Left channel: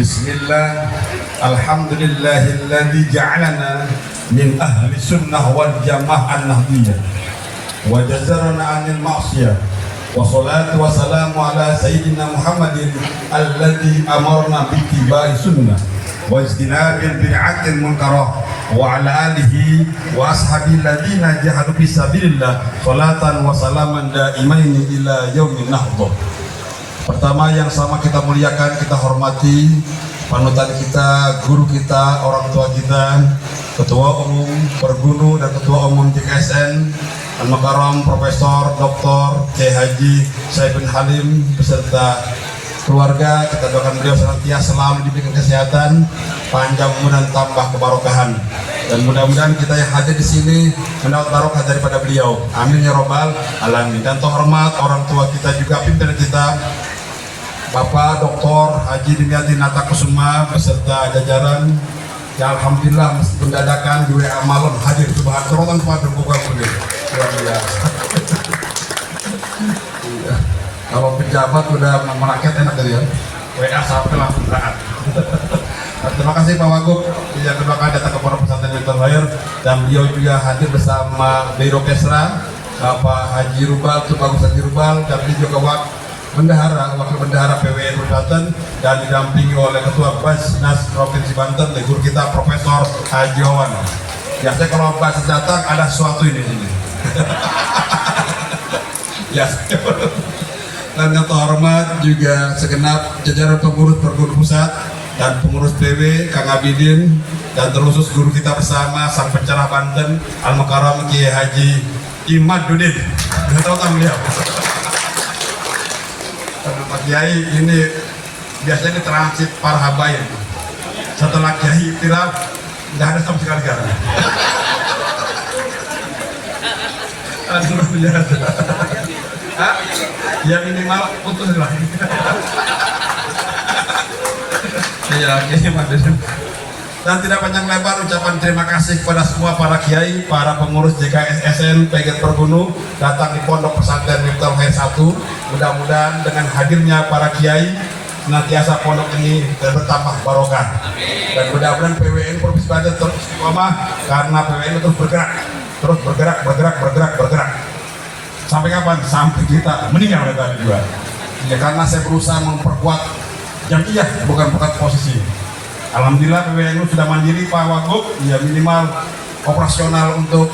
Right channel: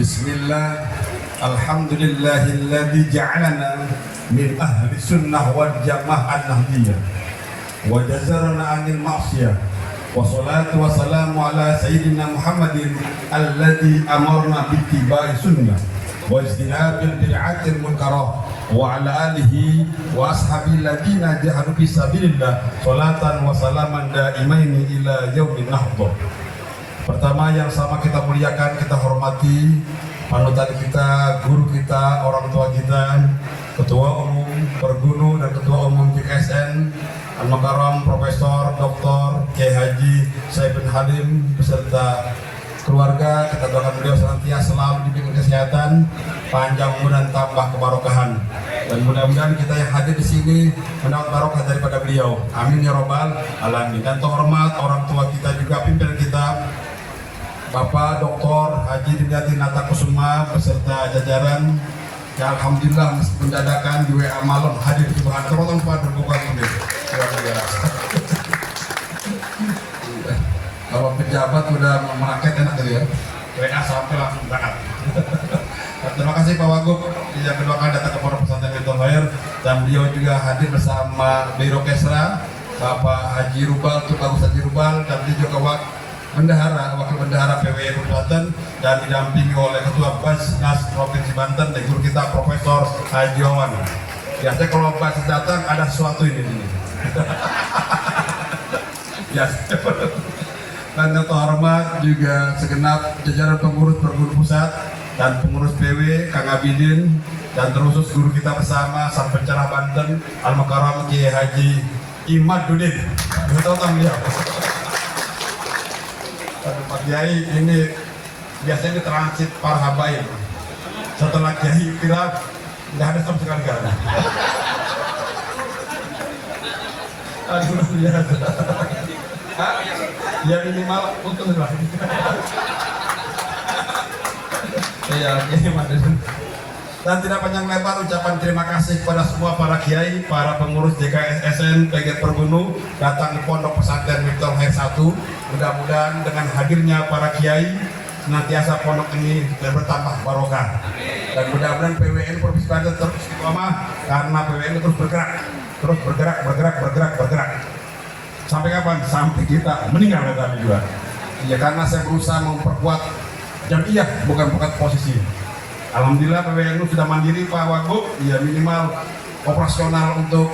Bismillah. Alhamdulillahilladzi ja'alana min ahli sunnah wal jamaah an-nahdiyah wa jazarana 'anil ma'siyah. Wassalatu wassalamu ala sayyidina Muhammadin alladzi amarna bittiba'i sunnah wa ijtinabil bid'atil munkarah wa ala alihi wa ashabil ladzina jahadu fi sabilillah salatan wa salaman daimaini ila yaumin nahdah. Pertama yang sama kita muliakan, kita hormati panutan kita, guru kita, orang tua kita, Ketua Umum Pergunu dan Ketua Umum JKSN Al-Mukarram Profesor Dr. Kiai Haji Said bin Halim beserta keluarga. Kita doakan beliau senantiasa selalu diberikan kesehatan, panjang umur dan tambah kebarokahan. Dan mudah-mudahan kita yang hadir di sini mendapat barokah daripada beliau. Amin ya robbal alamin. Dan terhormat orang tua kita juga, pimpinan kita, Bapak Dr. Haji Dimyati Natakusuma beserta jajaran yang alhamdulillah meskipun dadakan di WA malam hadir di bahan terutama pada berbuka mudik. Luar biasa. Kalau pejabat udah merakyat enak tadi ya. WA sampai langsung berangkat. Terima kasih Pak Wagub yang kedua kali datang ke Pondok Pesantren Mentor Lahir, dan beliau juga hadir bersama Biro Kesra Bapak Haji Rubal, Tubagus Haji Rubal, dan beliau juga Wakil Bendahara PWNU Banten, dan didampingi oleh Ketua Basnas Provinsi Banten, guru kita Profesor Haji Wawan. Biasanya kalau Basnas datang ada sesuatu ini sini. Ya, dan yang terhormat juga segenap jajaran pengurus Pergunu Pusat dan pengurus PW Kang Abidin, dan terkhusus guru kita bersama Sang Pencerah Banten Al-Mukarram Kiai Haji Imaduddin. Tahu kan beliau? Pak Kiai ini biasanya ini transit para habaib. Setelah Kiai kira nggak ada sama sekali kan? Aduh biasa. Ya minimal putus lah. Ya gimana? Dan tidak panjang lebar ucapan terima kasih kepada semua para kiai, para pengurus JKSN PGRI Pergunu datang di Pondok Pesantren Mentor Lahir 1. Mudah-mudahan dengan hadirnya para kiai senantiasa pondok ini bertambah barokah. Dan mudah-mudahan PWN Provinsi Banten terus istiqomah, karena PWN terus bergerak. Sampai kapan? Sampai kita meninggal tadi juga. Ya, karena saya berusaha memperkuat jamiah, bukan posisi. Alhamdulillah PWNU sudah mandiri Pak Wagub, ya minimal operasional untuk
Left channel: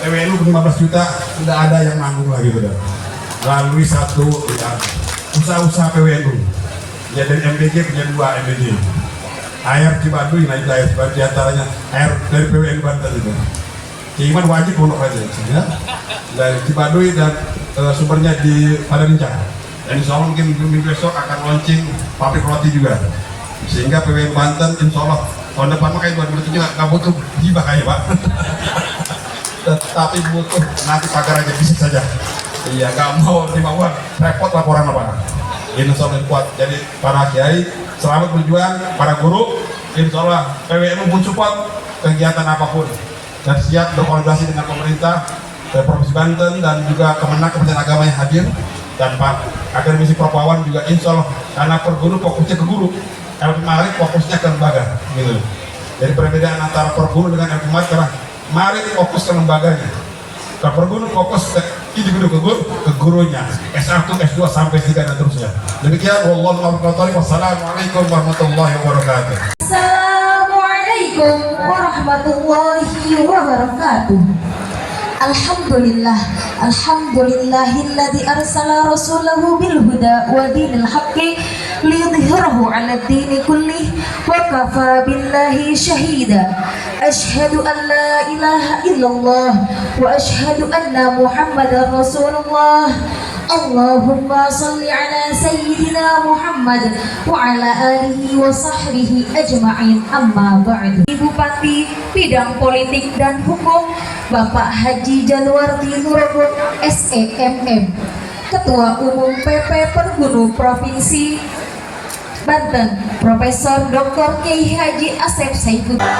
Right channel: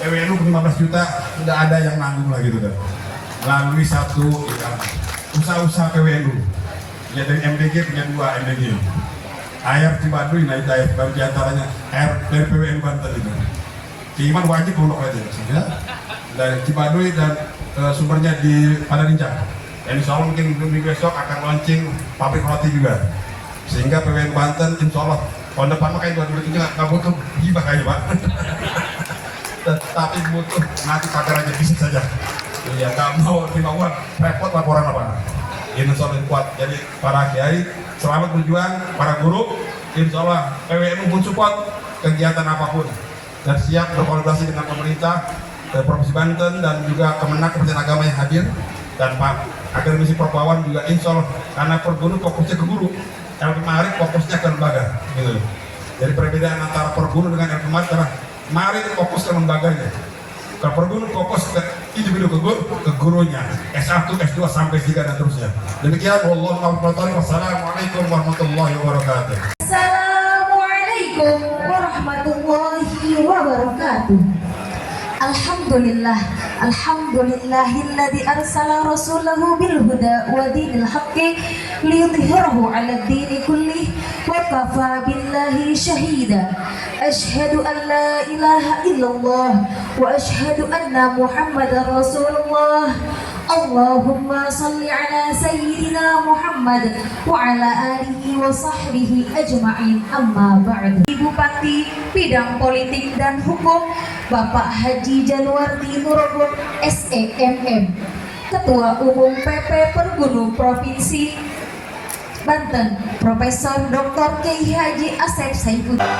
PWNU 15 juta sudah ada yang nanggung lagi gitu. Melalui satu ya, usaha-usaha PWNU. Ya dari MBG punya 2 MBG. Air Cibaduy, nah itu air Cibaduy diantaranya air dari PWNU Banten itu. Iman wajib untuk aja, ya. Dari Cibaduy dan sumbernya di Padarincang. Dan insya Allah mungkin minggu besok akan launching pabrik roti juga. Sehingga PWN Banten insya Allah tahun depan makanya 2007 nggak butuh hibah kayak Pak. Tapi butuh nanti pakai aja bisnis saja. Iya, nggak mau terima uang, repot laporan apa. Insya Allah kuat. Jadi para kiai selamat berjuang, para guru insya Allah PWNU mensupport kegiatan apapun dan siap berkolaborasi dengan pemerintah Provinsi Banten dan juga Kemenak Kementerian Agama yang hadir, dan Pak Akademisi Prof Wawan juga insya Allah, karena Pergunu fokusnya ke guru, Marit fokusnya ke lembaga gitu. Jadi perbedaan antara Pergunu dengan Marit, karena Marit fokus ke lembaganya, ke Pergunu fokus ke individu ke gurunya, S1, S2 sampai S3 dan terusnya. Demikian, wassalamualaikum warahmatullahi wabarakatuh. Assalamualaikum warahmatullahi wabarakatuh. Alhamdulillah, alhamdulillahilladzi arsala rasulahu bil huda wa dinil haqqi liyudhhirahu 'ala ad-dini kullih wa kafa billahi shahida. Asyhadu an la ilaha illallah wa asyhadu anna Muhammadar Rasulullah. Allahumma salli ala sayyidina Muhammad wa ala alihi wa sahbihi ajma'in, amma ba'du. Bupati Bidang Politik dan Hukum Bapak Haji Jalwardi Nurogo SEMM, Ketua Umum PP Pergunu Provinsi Banten Profesor Dr. Kiai Haji Asep Saifuddin.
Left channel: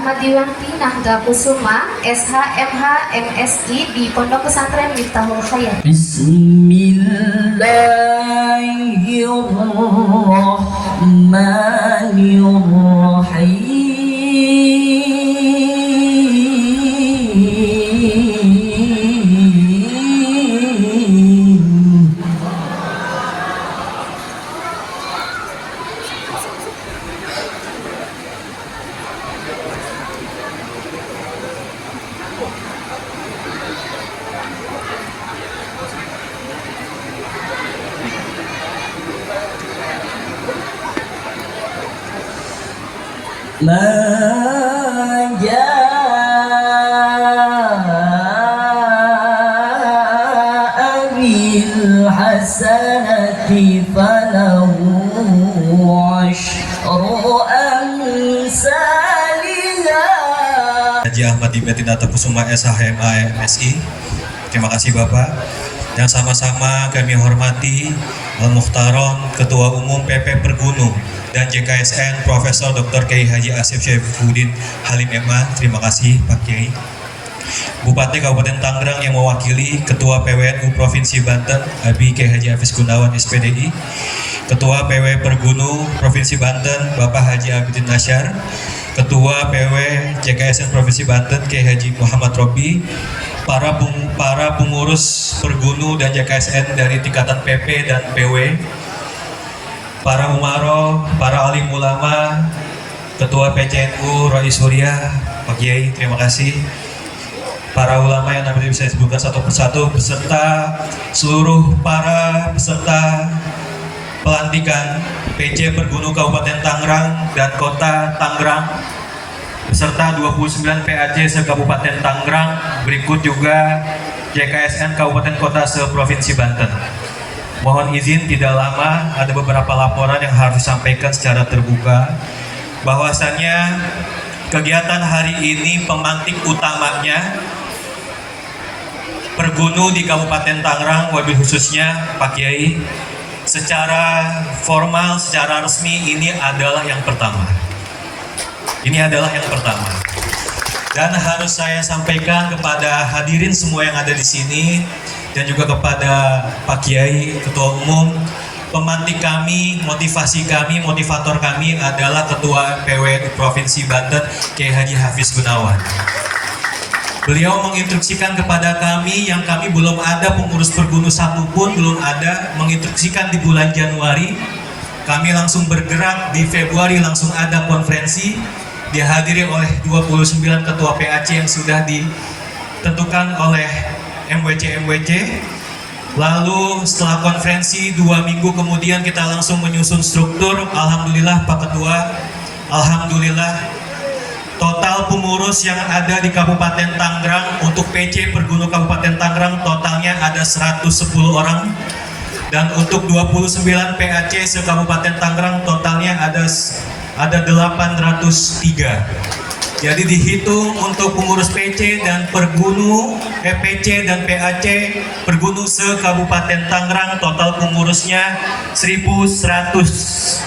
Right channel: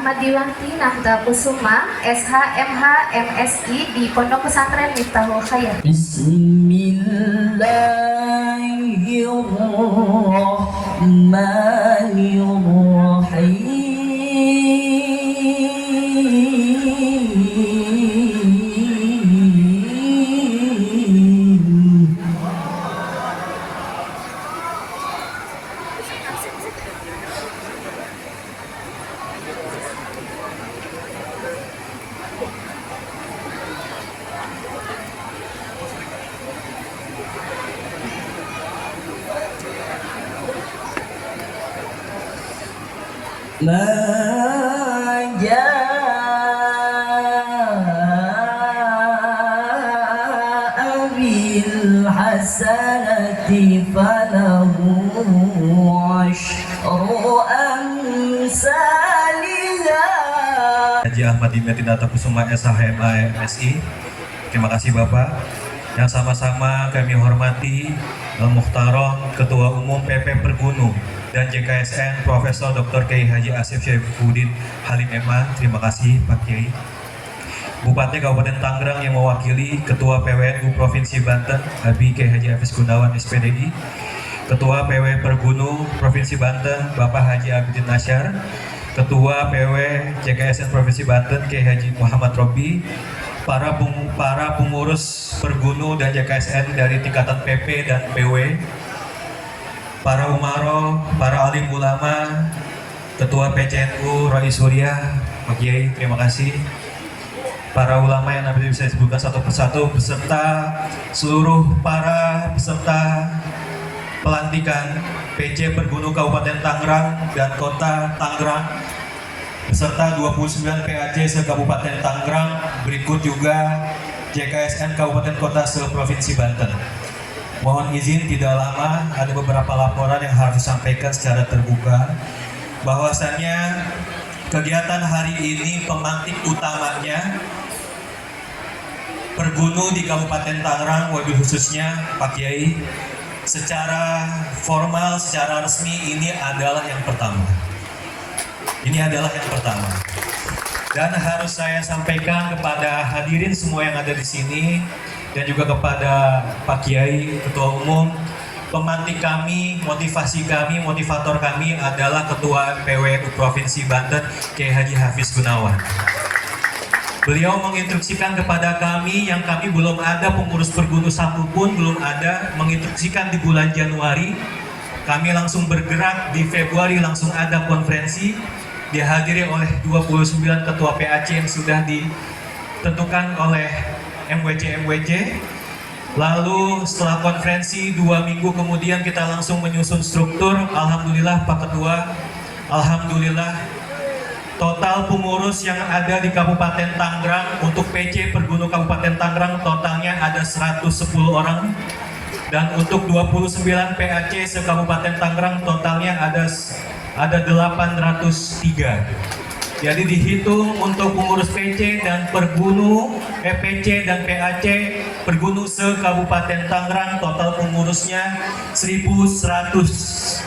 Ahmad Diwanti Nahda Kusuma, SH, MH, MSI di Pondok Pesantren Miftahul Khayat. ما جاء بالحسنة فله عشر أمثالها. Haji Ahmad Diwanti Kusuma SHMA MSI. Terima kasih Bapak. Yang sama-sama kami hormati Al-Mukhtarom Ketua Umum PP Pergunu dan JKSN Profesor Dr. Kiai Haji Asif Syaifuddin Halim MA. Terima kasih Pak Kiai. Bupati Kabupaten Tangerang yang mewakili Ketua PWNU Provinsi Banten Abi Kiai Haji Hafiz Gunawan SPDI, Ketua PW Pergunu Provinsi Banten Bapak Haji Abidin Nasyar, Ketua PW JKSN Provinsi Banten Kiai Haji Muhammad Robi, para pengurus Pergunu dan JKSN dari tingkatan PP dan PW, para umaro, para alim ulama, Ketua PCNU Roy Surya, Pak Kiai, terima kasih. Para ulama yang nanti bisa disebutkan satu persatu, beserta seluruh para peserta pelantikan PC Pergunu Kabupaten Tangerang dan Kota Tangerang, beserta 29 PAC se-Kabupaten Tangerang, berikut juga JKSN Kabupaten Kota se-Provinsi Banten. Mohon izin tidak lama, ada beberapa laporan yang harus disampaikan secara terbuka. Bahwasannya kegiatan hari ini pemantik utamanya Pergunu di Kabupaten Tangerang, wabil khususnya Pak Kiai, secara formal, secara resmi ini adalah yang pertama. Ini adalah yang pertama. Dan harus saya sampaikan kepada hadirin semua yang ada di sini dan juga kepada Pak Kiai, Ketua Umum, pemantik kami, motivasi kami, motivator kami adalah Ketua PWNU Provinsi Banten, Kiai Haji Hafiz Gunawan. Beliau menginstruksikan kepada kami yang kami belum ada pengurus Pergunu satu pun belum ada, menginstruksikan di bulan Januari, kami langsung bergerak di Februari langsung ada konferensi, dihadiri oleh 29 Ketua PAC yang sudah ditentukan oleh MWC. Lalu setelah konferensi 2 minggu kemudian kita langsung menyusun struktur. Alhamdulillah Pak Ketua, alhamdulillah total pengurus yang ada di Kabupaten Tangerang untuk PC Pergunu Kabupaten Tangerang totalnya ada 110 orang, dan untuk 29 PAC se-Kabupaten Tangerang totalnya ada 803. Jadi dihitung untuk pengurus PC dan Pergunu, PC dan PAC Pergunu se-Kabupaten Tangerang total pengurusnya 1176.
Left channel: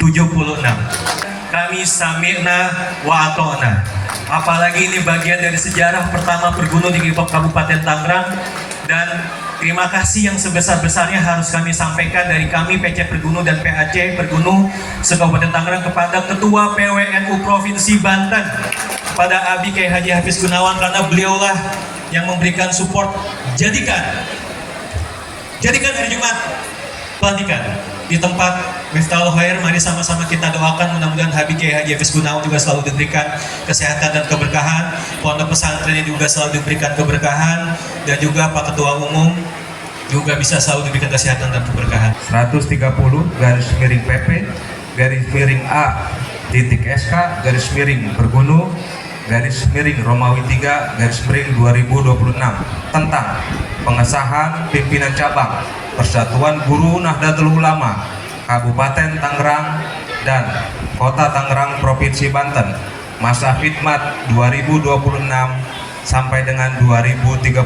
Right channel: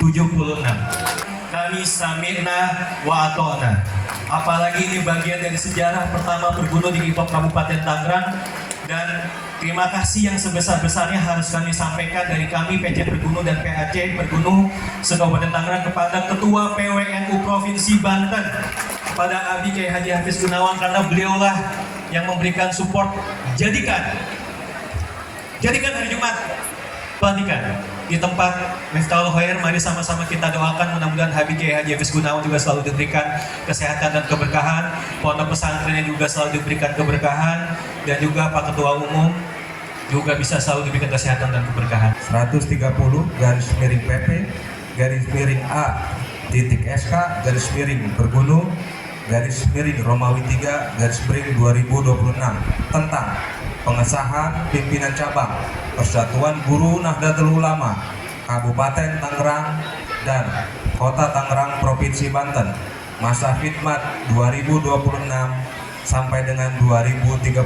Kami sami'na wa ata'na. Apalagi ini bagian dari sejarah pertama Pergunu di Kabupaten Tangerang, dan terima kasih yang sebesar-besarnya harus kami sampaikan dari kami PC Pergunu dan PAC Pergunu se-Kabupaten Tangerang kepada Ketua PWNU Provinsi Banten, pada Abi Kiai Haji Hafiz Gunawan, karena beliaulah yang memberikan support. Jadikan hari Jumat pelantikan di tempat Miftahul Khair. Mari sama-sama kita doakan mudah-mudahan Habib Kiai Haji Hafiz Gunawan juga selalu diberikan kesehatan dan keberkahan, pondok pesantrennya juga selalu diberikan keberkahan, dan juga Pak Ketua Umum juga bisa selalu diberikan kesehatan dan keberkahan. 130-A-SK-Pergunu-Romawi 3-Romawi 2026 tentang pengesahan pimpinan cabang Persatuan Guru Nahdlatul Ulama Kabupaten Tangerang dan Kota Tangerang Provinsi Banten masa khidmat 2026 sampai dengan 2031.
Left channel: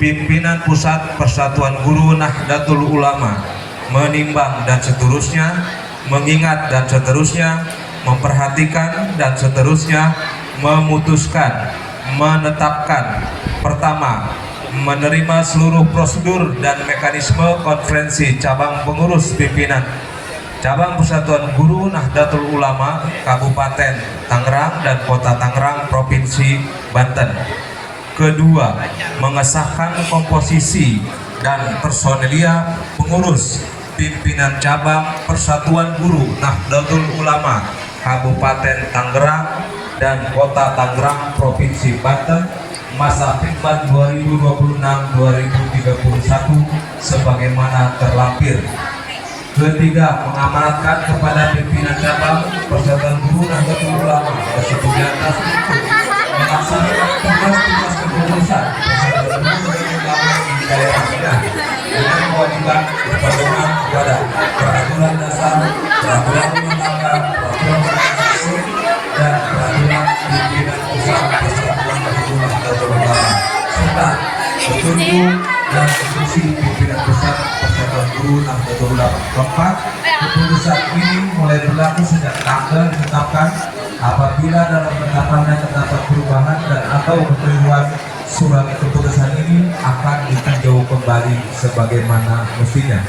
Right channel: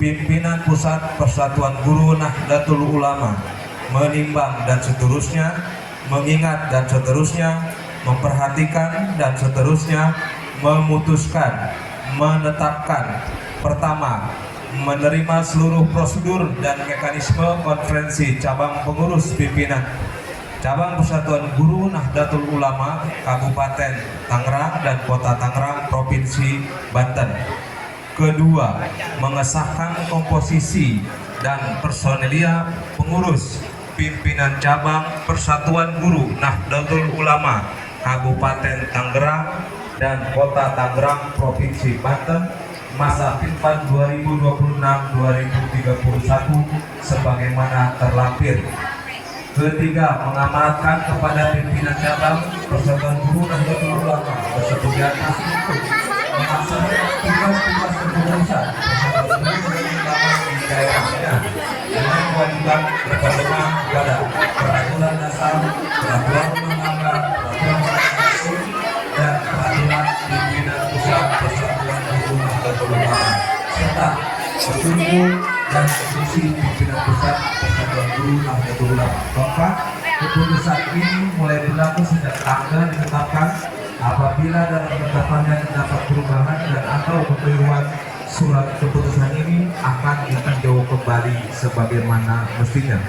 Pimpinan Pusat Persatuan Guru Nahdlatul Ulama menimbang dan seterusnya, mengingat dan seterusnya, memperhatikan dan seterusnya, memutuskan, menetapkan, pertama, menerima seluruh prosedur dan mekanisme konferensi cabang pengurus pimpinan Cabang Persatuan Guru Nahdlatul Ulama Kabupaten Tangerang dan Kota Tangerang Provinsi Banten. Kedua, mengesahkan komposisi dan personelia pengurus pimpinan Cabang Persatuan Guru Nahdlatul Ulama Kabupaten Tangerang dan Kota Tangerang Provinsi Banten masa khidmat 2026-2031 sebagaimana terlampir. Ketiga, mengamanatkan kepada pimpinan cabang Persatuan Guru Nahdlatul Ulama tersebut di atas untuk melaksanakan tugas-tugas kepengurusan Persatuan Guru Nahdlatul Ulama di daerahnya dengan kewajiban berpedoman kepada peraturan dasar, peraturan undang-undang, peraturan organisasi, dan peraturan pimpinan pusat Persatuan Guru Nahdlatul Ulama serta petunjuk dan instruksi pimpinan pusat Persatuan Guru Nahdlatul Ulama. Keempat, keputusan ini mulai berlaku sejak tanggal ditetapkan apabila dalam penetapannya terdapat perubahan dan atau kekeliruan, surat keputusan ini akan ditinjau kembali sebagaimana mestinya.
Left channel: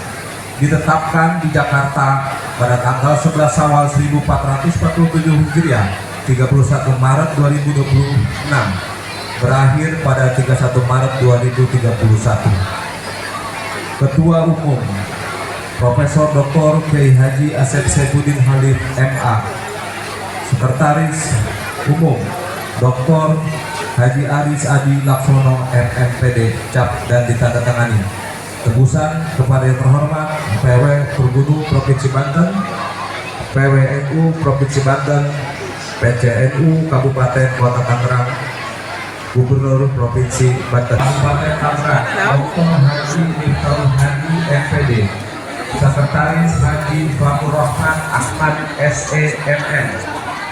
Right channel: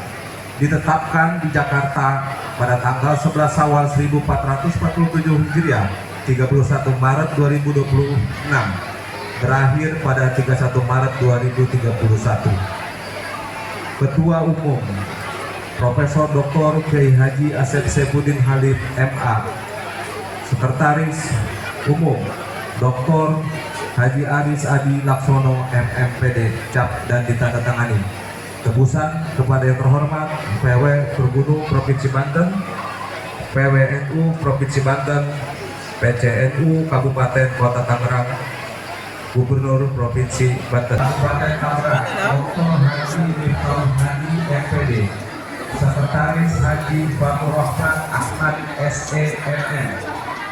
Ditetapkan di Jakarta pada tanggal 11 Syawal 1447 Hijriah, 31 Maret 2026, berakhir pada 31 Maret 2031. Ketua Umum Profesor Dr. Kiai Haji Asep Saifuddin Khalif MA. Sekretaris Umum Dr. Haji Aris Adi Laksono MMPD cap dan ditandatangani. Tebusan kepada yang terhormat PW Pergunu Provinsi Banten, PWNU Provinsi Banten, PCNU Kabupaten Kota Tangerang, Gubernur Provinsi Banten. Kabupaten Tangerang Dr. Haji Ibrahim Hadi MPD. Sekretaris Haji Fatur Rahman Ahmad SEMN.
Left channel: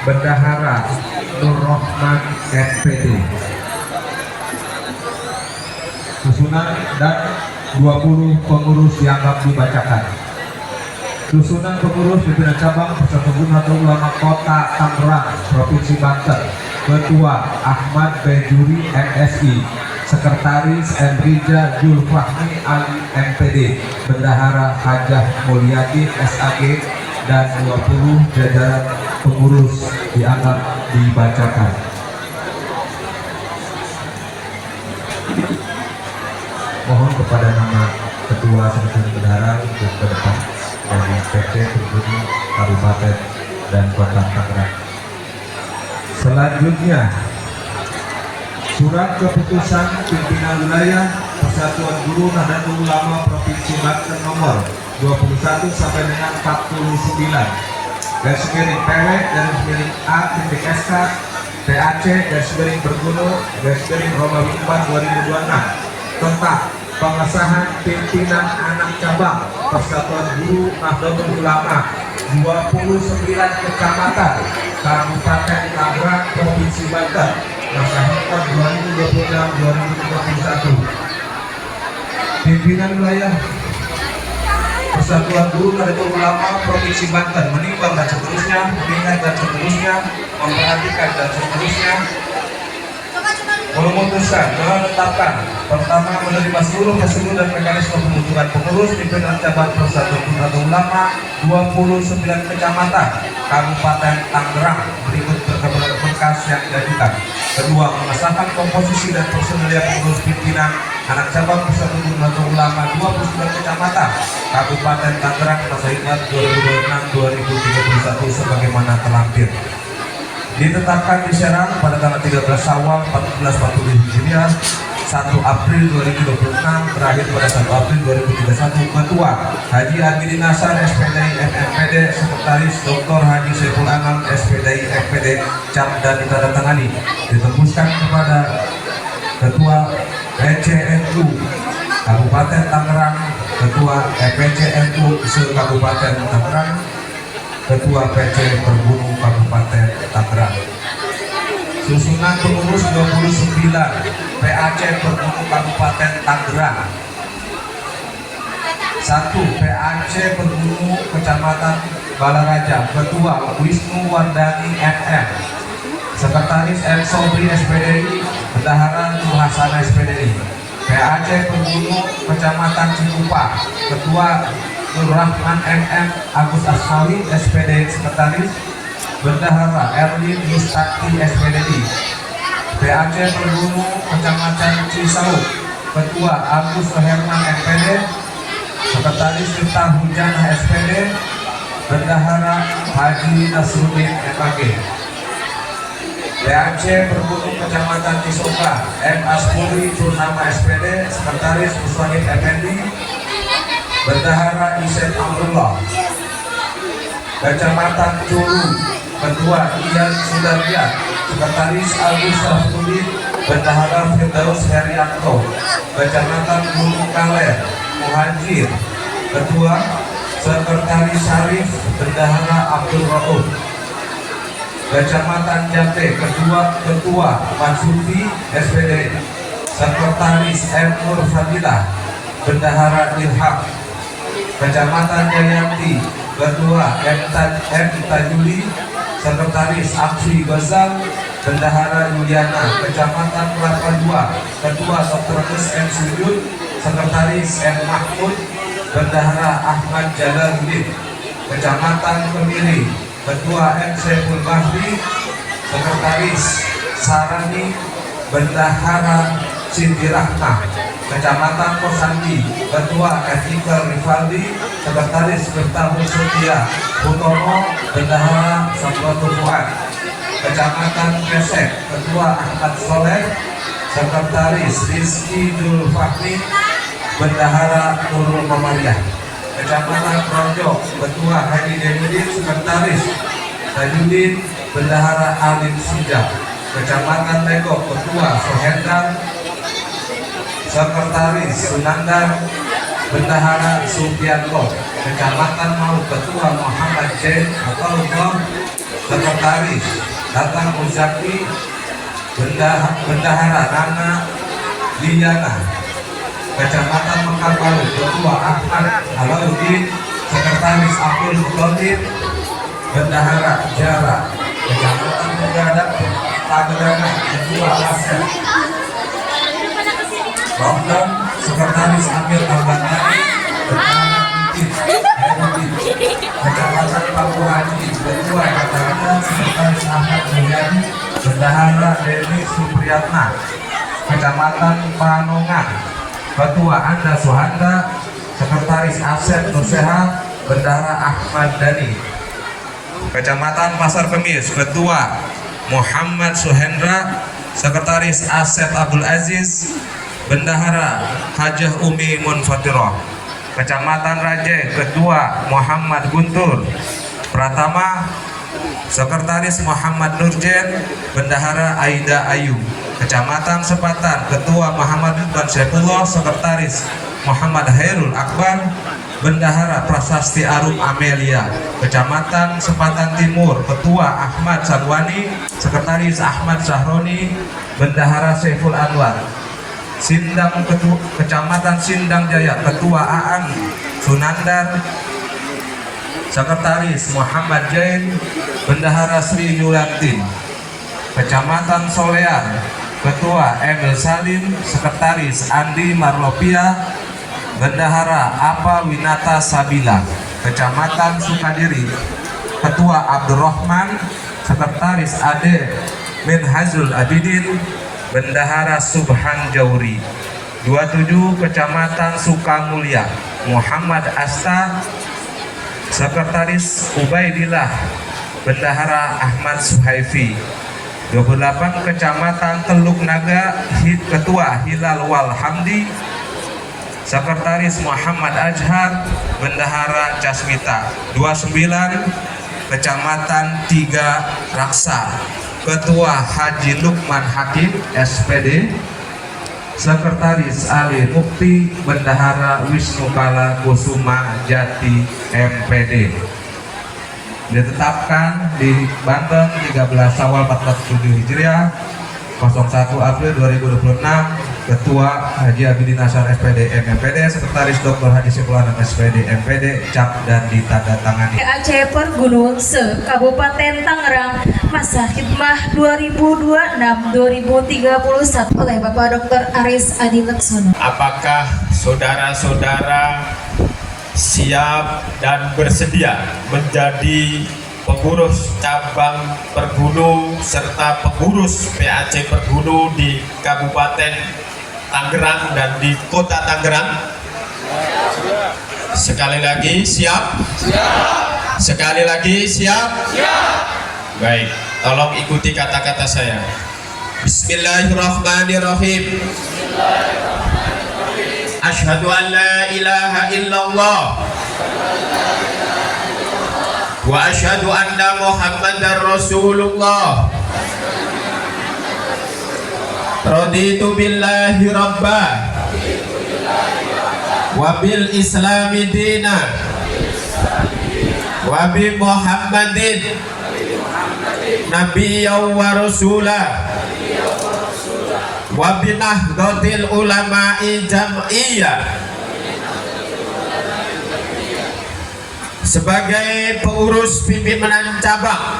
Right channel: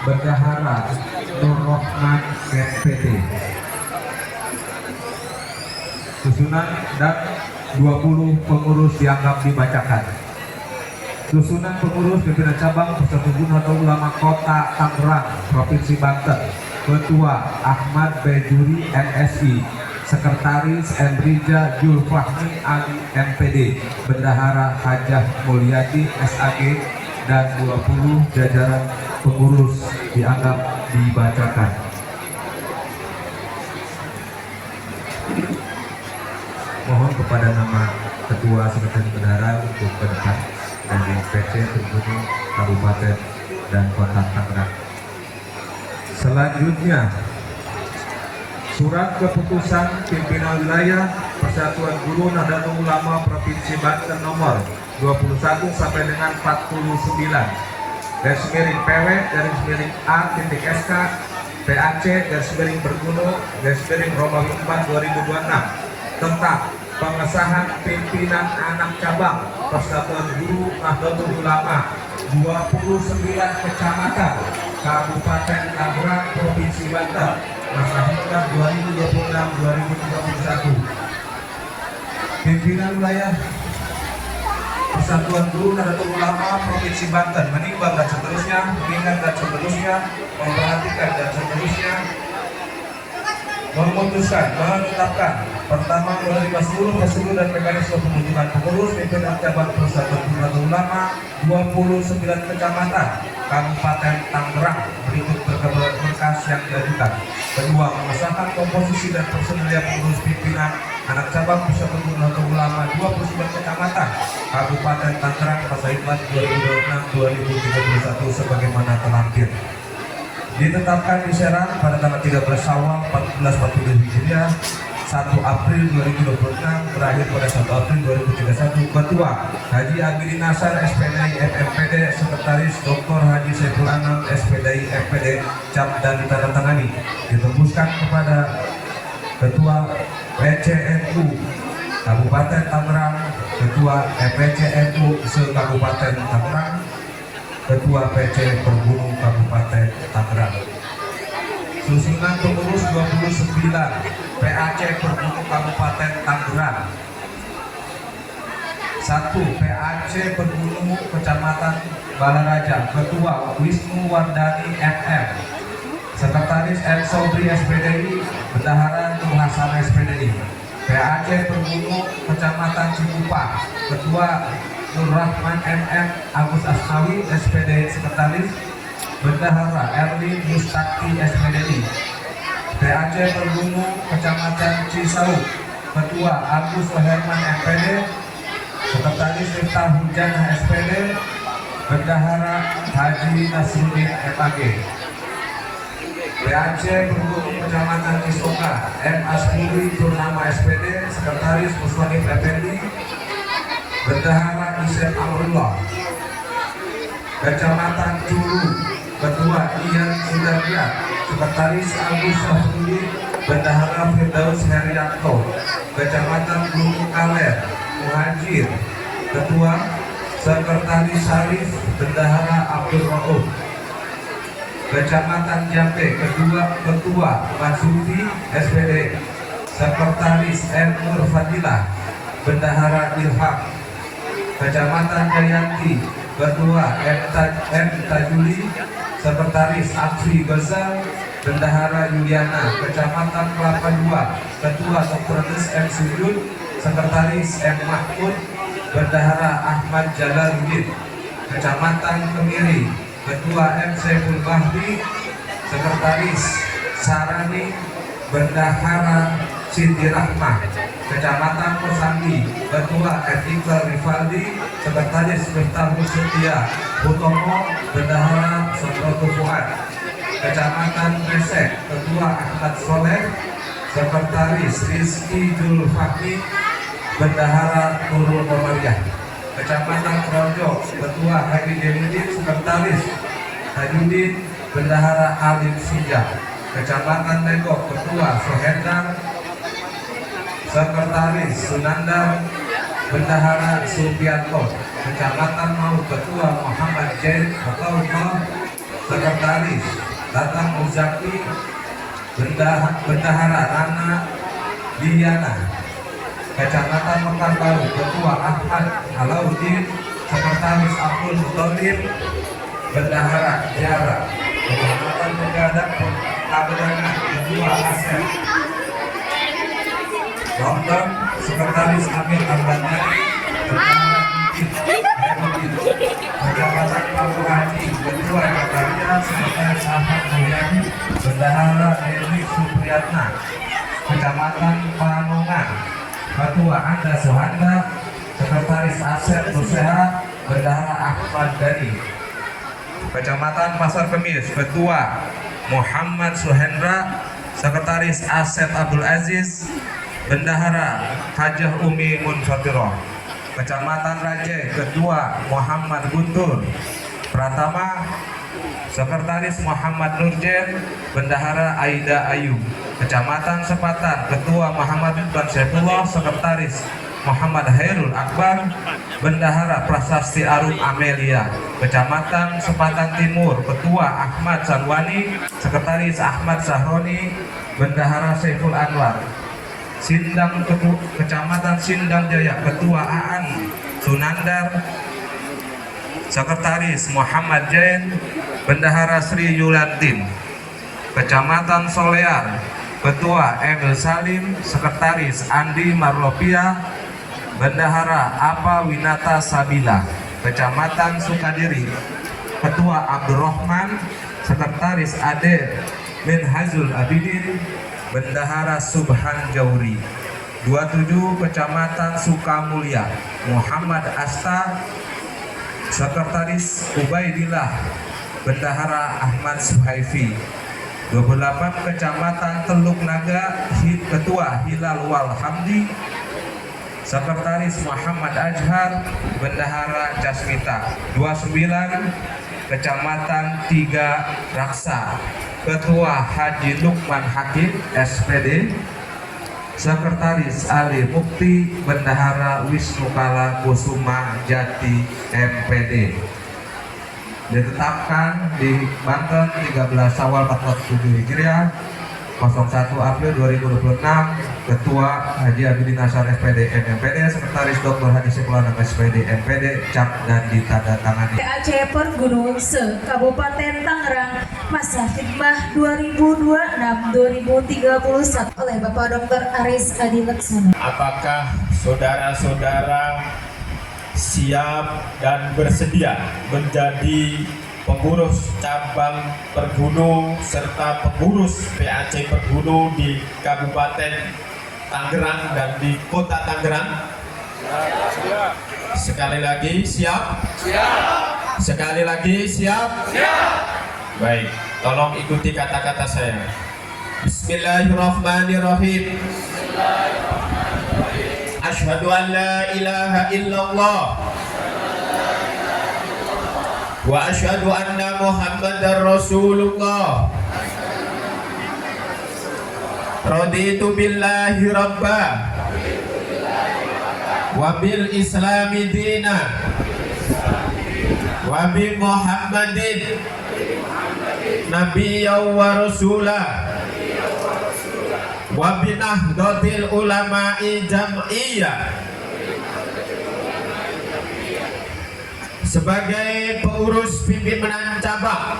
Bendahara Nur Rahman SPD. Susunan dan 20 pengurus dianggap dibacakan. Susunan pengurus pimpinan cabang Persatuan Guru Nahdlatul Ulama Kota Tangerang Provinsi Banten. Ketua Ahmad Bejuri MSI. Sekretaris Enrija Julfahmi Ali MPD. Bendahara Hajah Mulyati SAG dan 20 jajaran pengurus dianggap dibacakan. Mohon kepada nama Ketua Sekretaris Bendahara untuk ke depan dari PC Pergunu Kabupaten dan Kota Tangerang. Selanjutnya, surat keputusan pimpinan wilayah Persatuan Guru Nahdlatul Ulama Provinsi Banten nomor 21 sampai dengan 49 _PW _A.SK PAC _Bergunu Romawi 4 2026 tentang pengesahan pimpinan anak cabang Persatuan Guru Nahdlatul Ulama 29 kecamatan Kabupaten Tangerang Provinsi Banten masa khidmat 2026-2031. Pimpinan wilayah Persatuan Guru Nahdlatul Ulama Provinsi Banten menimbang dan seterusnya, mengingat dan seterusnya, memperhatikan dan seterusnya, memutuskan, menetapkan, pertama, menerima seluruh prosedur dan mekanisme pembentukan pengurus pimpinan cabang Persatuan Guru Nahdlatul Ulama 29 kecamatan Kabupaten Tangerang berikut berkas yang diajukan. Kedua, mengesahkan komposisi dan personelia pengurus pimpinan anak cabang Persatuan Guru Nahdlatul Ulama 29 kecamatan Kabupaten Tangerang masa khidmat 2026-2031 sebagaimana terlampir. Ditetapkan di Serang pada tanggal 13 Syawal 1447 Hijriah, 1 April 2026, terakhir pada 1 April 2031. Ketua Haji Agili Nasar SPDI MMPD, Sekretaris Dr. Haji Saiful Anam SPDI MPD cap dan ditandatangani. Ditembuskan kepada Ketua PCNU Kabupaten Tangerang, Ketua PCNU se-Kabupaten Tangerang, Ketua PC Pergunu Kabupaten Tangerang. Susunan pengurus 29 PAC Pergunu Kabupaten Tangerang. 1. PAC Pergunu Kecamatan Balaraja, Ketua Wisnu Wardani MM. Sekretaris M. Sobri SPDI, Bendahara Nur Hasan SPDI. PAC Penghulu Kecamatan Cikupa, Ketua Nur Rahman MM Agus Asmawi SPDI Sekretaris. Bendahara Erwin Mustaki SPDI. PAC Penghulu Kecamatan Cisauk, Ketua Agus Herman MPD. Sekretaris Miftah Hujana SPD. Bendahara Haji Nasruddin MAG. PAC Pergunung Kecamatan Cisoka M. Aspuri Purnama SPD. Sekretaris Muswanif Effendi. Bendahara Isen Amrullah. Kecamatan Culu, Ketua Ian Sudarja. Sekretaris Agus Safruddin. Bendahara Firdaus Herianto. Kecamatan Gunung Kaler Muhajir. Ketua Sekretaris Syarif. Bendahara Abdul Rauf. Kecamatan Jambe, Ketua Mansufi SPD. Sekretaris M. Nur Fadilah. Bendahara Ilham. Kecamatan Jayanti, Ketua M. Tajuli. Sekretaris Aksi Gazal. Bendahara Yuliana. Kecamatan Kelapa II, Ketua Dr. M. Sujud. Sekretaris M. Mahmud. Bendahara Ahmad Jalaluddin. Kecamatan Kemiri, Ketua M. Saiful Bahri. Sekretaris Sarani. Bendahara Siti Rahmah. Kecamatan Kosambi, Ketua Etikal Rivaldi. Sekretaris Miftahul Setia Hutomo. Bendahara Sabroto Fuad. Kecamatan Kesek, Ketua Ahmad Soleh. Sekretaris Rizky Dul Fahmi. Bendahara Nurul Komariah. Kecamatan Projo, Ketua Haji Demudin. Sekretaris Tajudin. Bendahara Alim Sijak. Kecamatan Legok, Ketua Sohendar. Sekretaris Sunandar. Bendahara Supianto. Kecamatan Mau, Ketua Muhammad Jain atau Gom. Sekretaris Datang Uzaki. Bendahara Nana Liana. Kecamatan Mekar Baru, Ketua Ahmad Alauddin. Sekretaris Abdul Muthalib. Bendahara Jara. Kecamatan Pegadang Pagedangan, Ketua Asep London. Sekretaris Amir Ahmad-Nani. Bendahara Mikit. Kecamatan Pambu Haji, Ketua Kataria. Sekretaris Ahmad Mulyadi. Bendahara Dewi Supriyatna. Kecamatan Panongan, Ketua Anda Suhanda. Sekretaris Asep Nuseha. Bendahara Ahmad Dhani. Kecamatan Pasar Kemis, Ketua Muhammad Suhendra. Sekretaris Asep Abdul Aziz. Bendahara Hajah Umi Munfatirah. Kecamatan Raje, Ketua Muhammad Guntur Pratama. Sekretaris Muhammad Nurjen. Bendahara Aida Ayu. Kecamatan Sepatan, Ketua Muhammad Ridwan Saifullah. Sekretaris Muhammad Hairul Akbar. Bendahara Prasasti Arum Amelia. Kecamatan Sepatan Timur, Ketua Ahmad Sanwani. Sekretaris Ahmad Sahroni. Bendahara Saiful Anwar. Sindang, Kecamatan Sindang Jaya, Ketua Aan Sunandar. Sekretaris Muhammad Jain. Bendahara Sri Yulantin. Kecamatan Solean, Ketua Emil Salim. Sekretaris Andi Marlopia. Bendahara Apa Winata Sabila. Kecamatan Sukadiri, Ketua Abdurrahman. Sekretaris Ade Minhazul Abidin. Bendahara Subhan Jauri. 27 Kecamatan Sukamulya, Muhammad Asta. Sekretaris Ubaidillah. Bendahara Ahmad Suhaifi. 28 Kecamatan Teluk Naga, Ketua Hilal Wal Hamdi. Sekretaris Muhammad Ajhar. Bendahara Jasmita. 29 Kecamatan Tiga Raksa, Ketua Haji Lukman Hakim SPD. Sekretaris Ali Mukti. Bendahara Wisnu Kala Kusuma Jati MPD. Ditetapkan di Banten 13 Syawal 1407 Hijriah 01 April 2026, Ketua Haji Abidin Asyar SPD MMPD, Sekretaris Dr. Hadi Sepulanan SPD MPD, cap dan ditandatangani. Aceh Pergunung se Kabupaten Tangerang, masa khidmah 2026-2031 oleh Bapak Dr. Aris Adi Laksono. Apakah saudara-saudara siap dan bersedia menjadi pengurus cabang Pergunu serta pengurus PAC Pergunu di Kabupaten Tangerang dan di Kota Tangerang? Sekali lagi siap? Sekali lagi siap? Baik, tolong ikuti kata-kata saya. Bismillahirrahmanirrahim. Asyhadu an la ilaha illallah wa asyhadu anna Muhammadar Rasulullah. Raditu billahi rabba wa bil islami dina wa bi Muhammadin nabiyyan wa rasulah wa bi nahdlatil ulama'i jam'iyyah. Sebagai pengurus pimpinan cabang,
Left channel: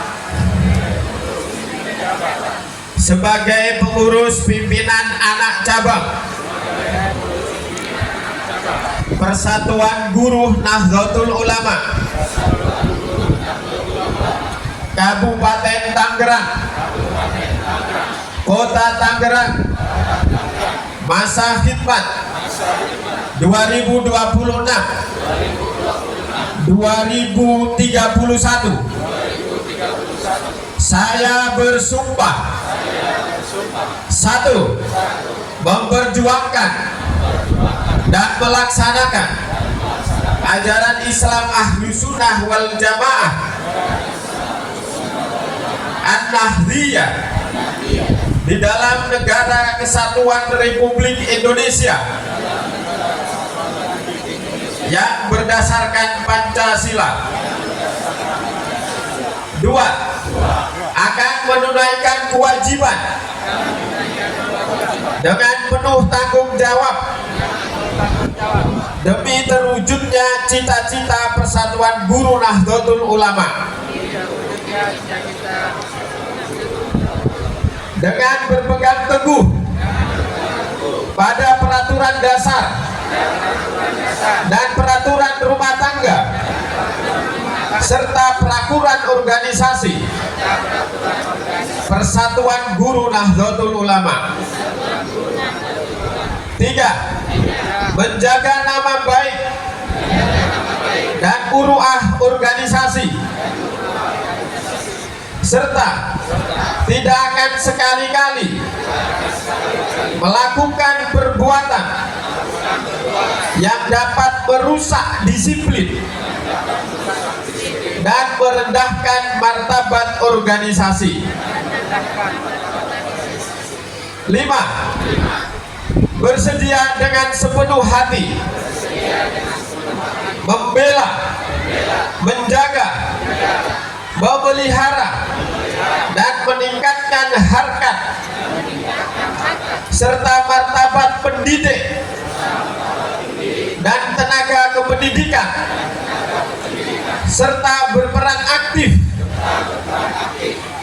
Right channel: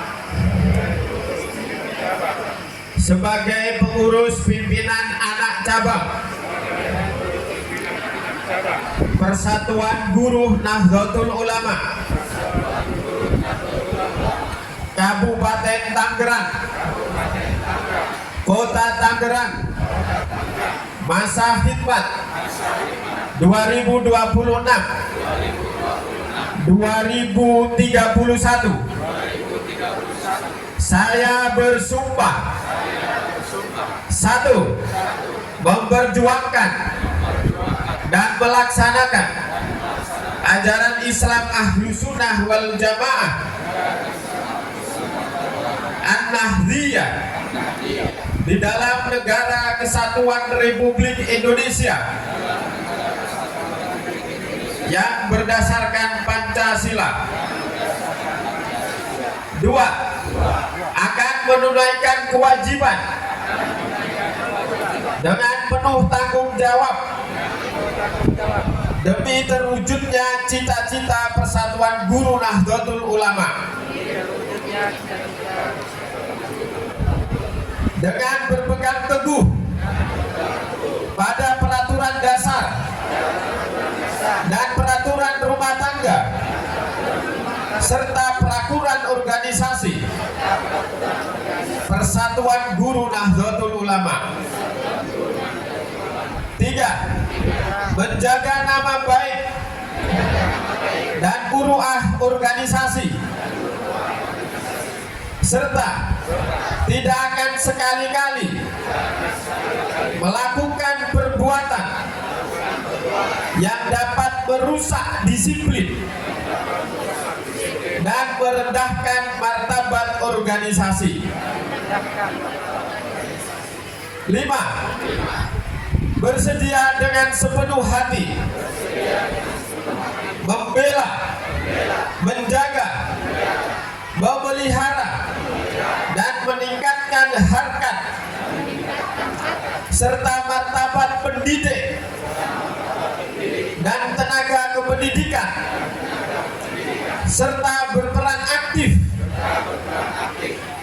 sebagai pengurus pimpinan anak cabang Persatuan Guru Nahdlatul Ulama Kabupaten Tangerang, Kota Tangerang, masa khidmat 2026-2031. Saya bersumpah, satu, memperjuangkan dan melaksanakan ajaran Islam Ahlus Sunnah wal Jamaah An-Nahdliyah di dalam Negara Kesatuan Republik Indonesia yang berdasarkan Pancasila. Dua, akan menunaikan kewajiban dengan penuh tanggung jawab demi terwujudnya cita-cita Persatuan Guru Nahdlatul Ulama dengan berpegang teguh pada peraturan dasar dan peraturan rumah tangga serta peraturan organisasi Persatuan Guru Nahdlatul Ulama. Tiga, menjaga nama baik dan uruah organisasi serta tidak akan sekali-kali melakukan perbuatan yang dapat merusak disiplin dan merendahkan martabat organisasi. 5. Bersedia dengan sepenuh hati membela, menjaga, memelihara dan meningkatkan harkat serta martabat pendidik dan tenaga kependidikan serta berperan aktif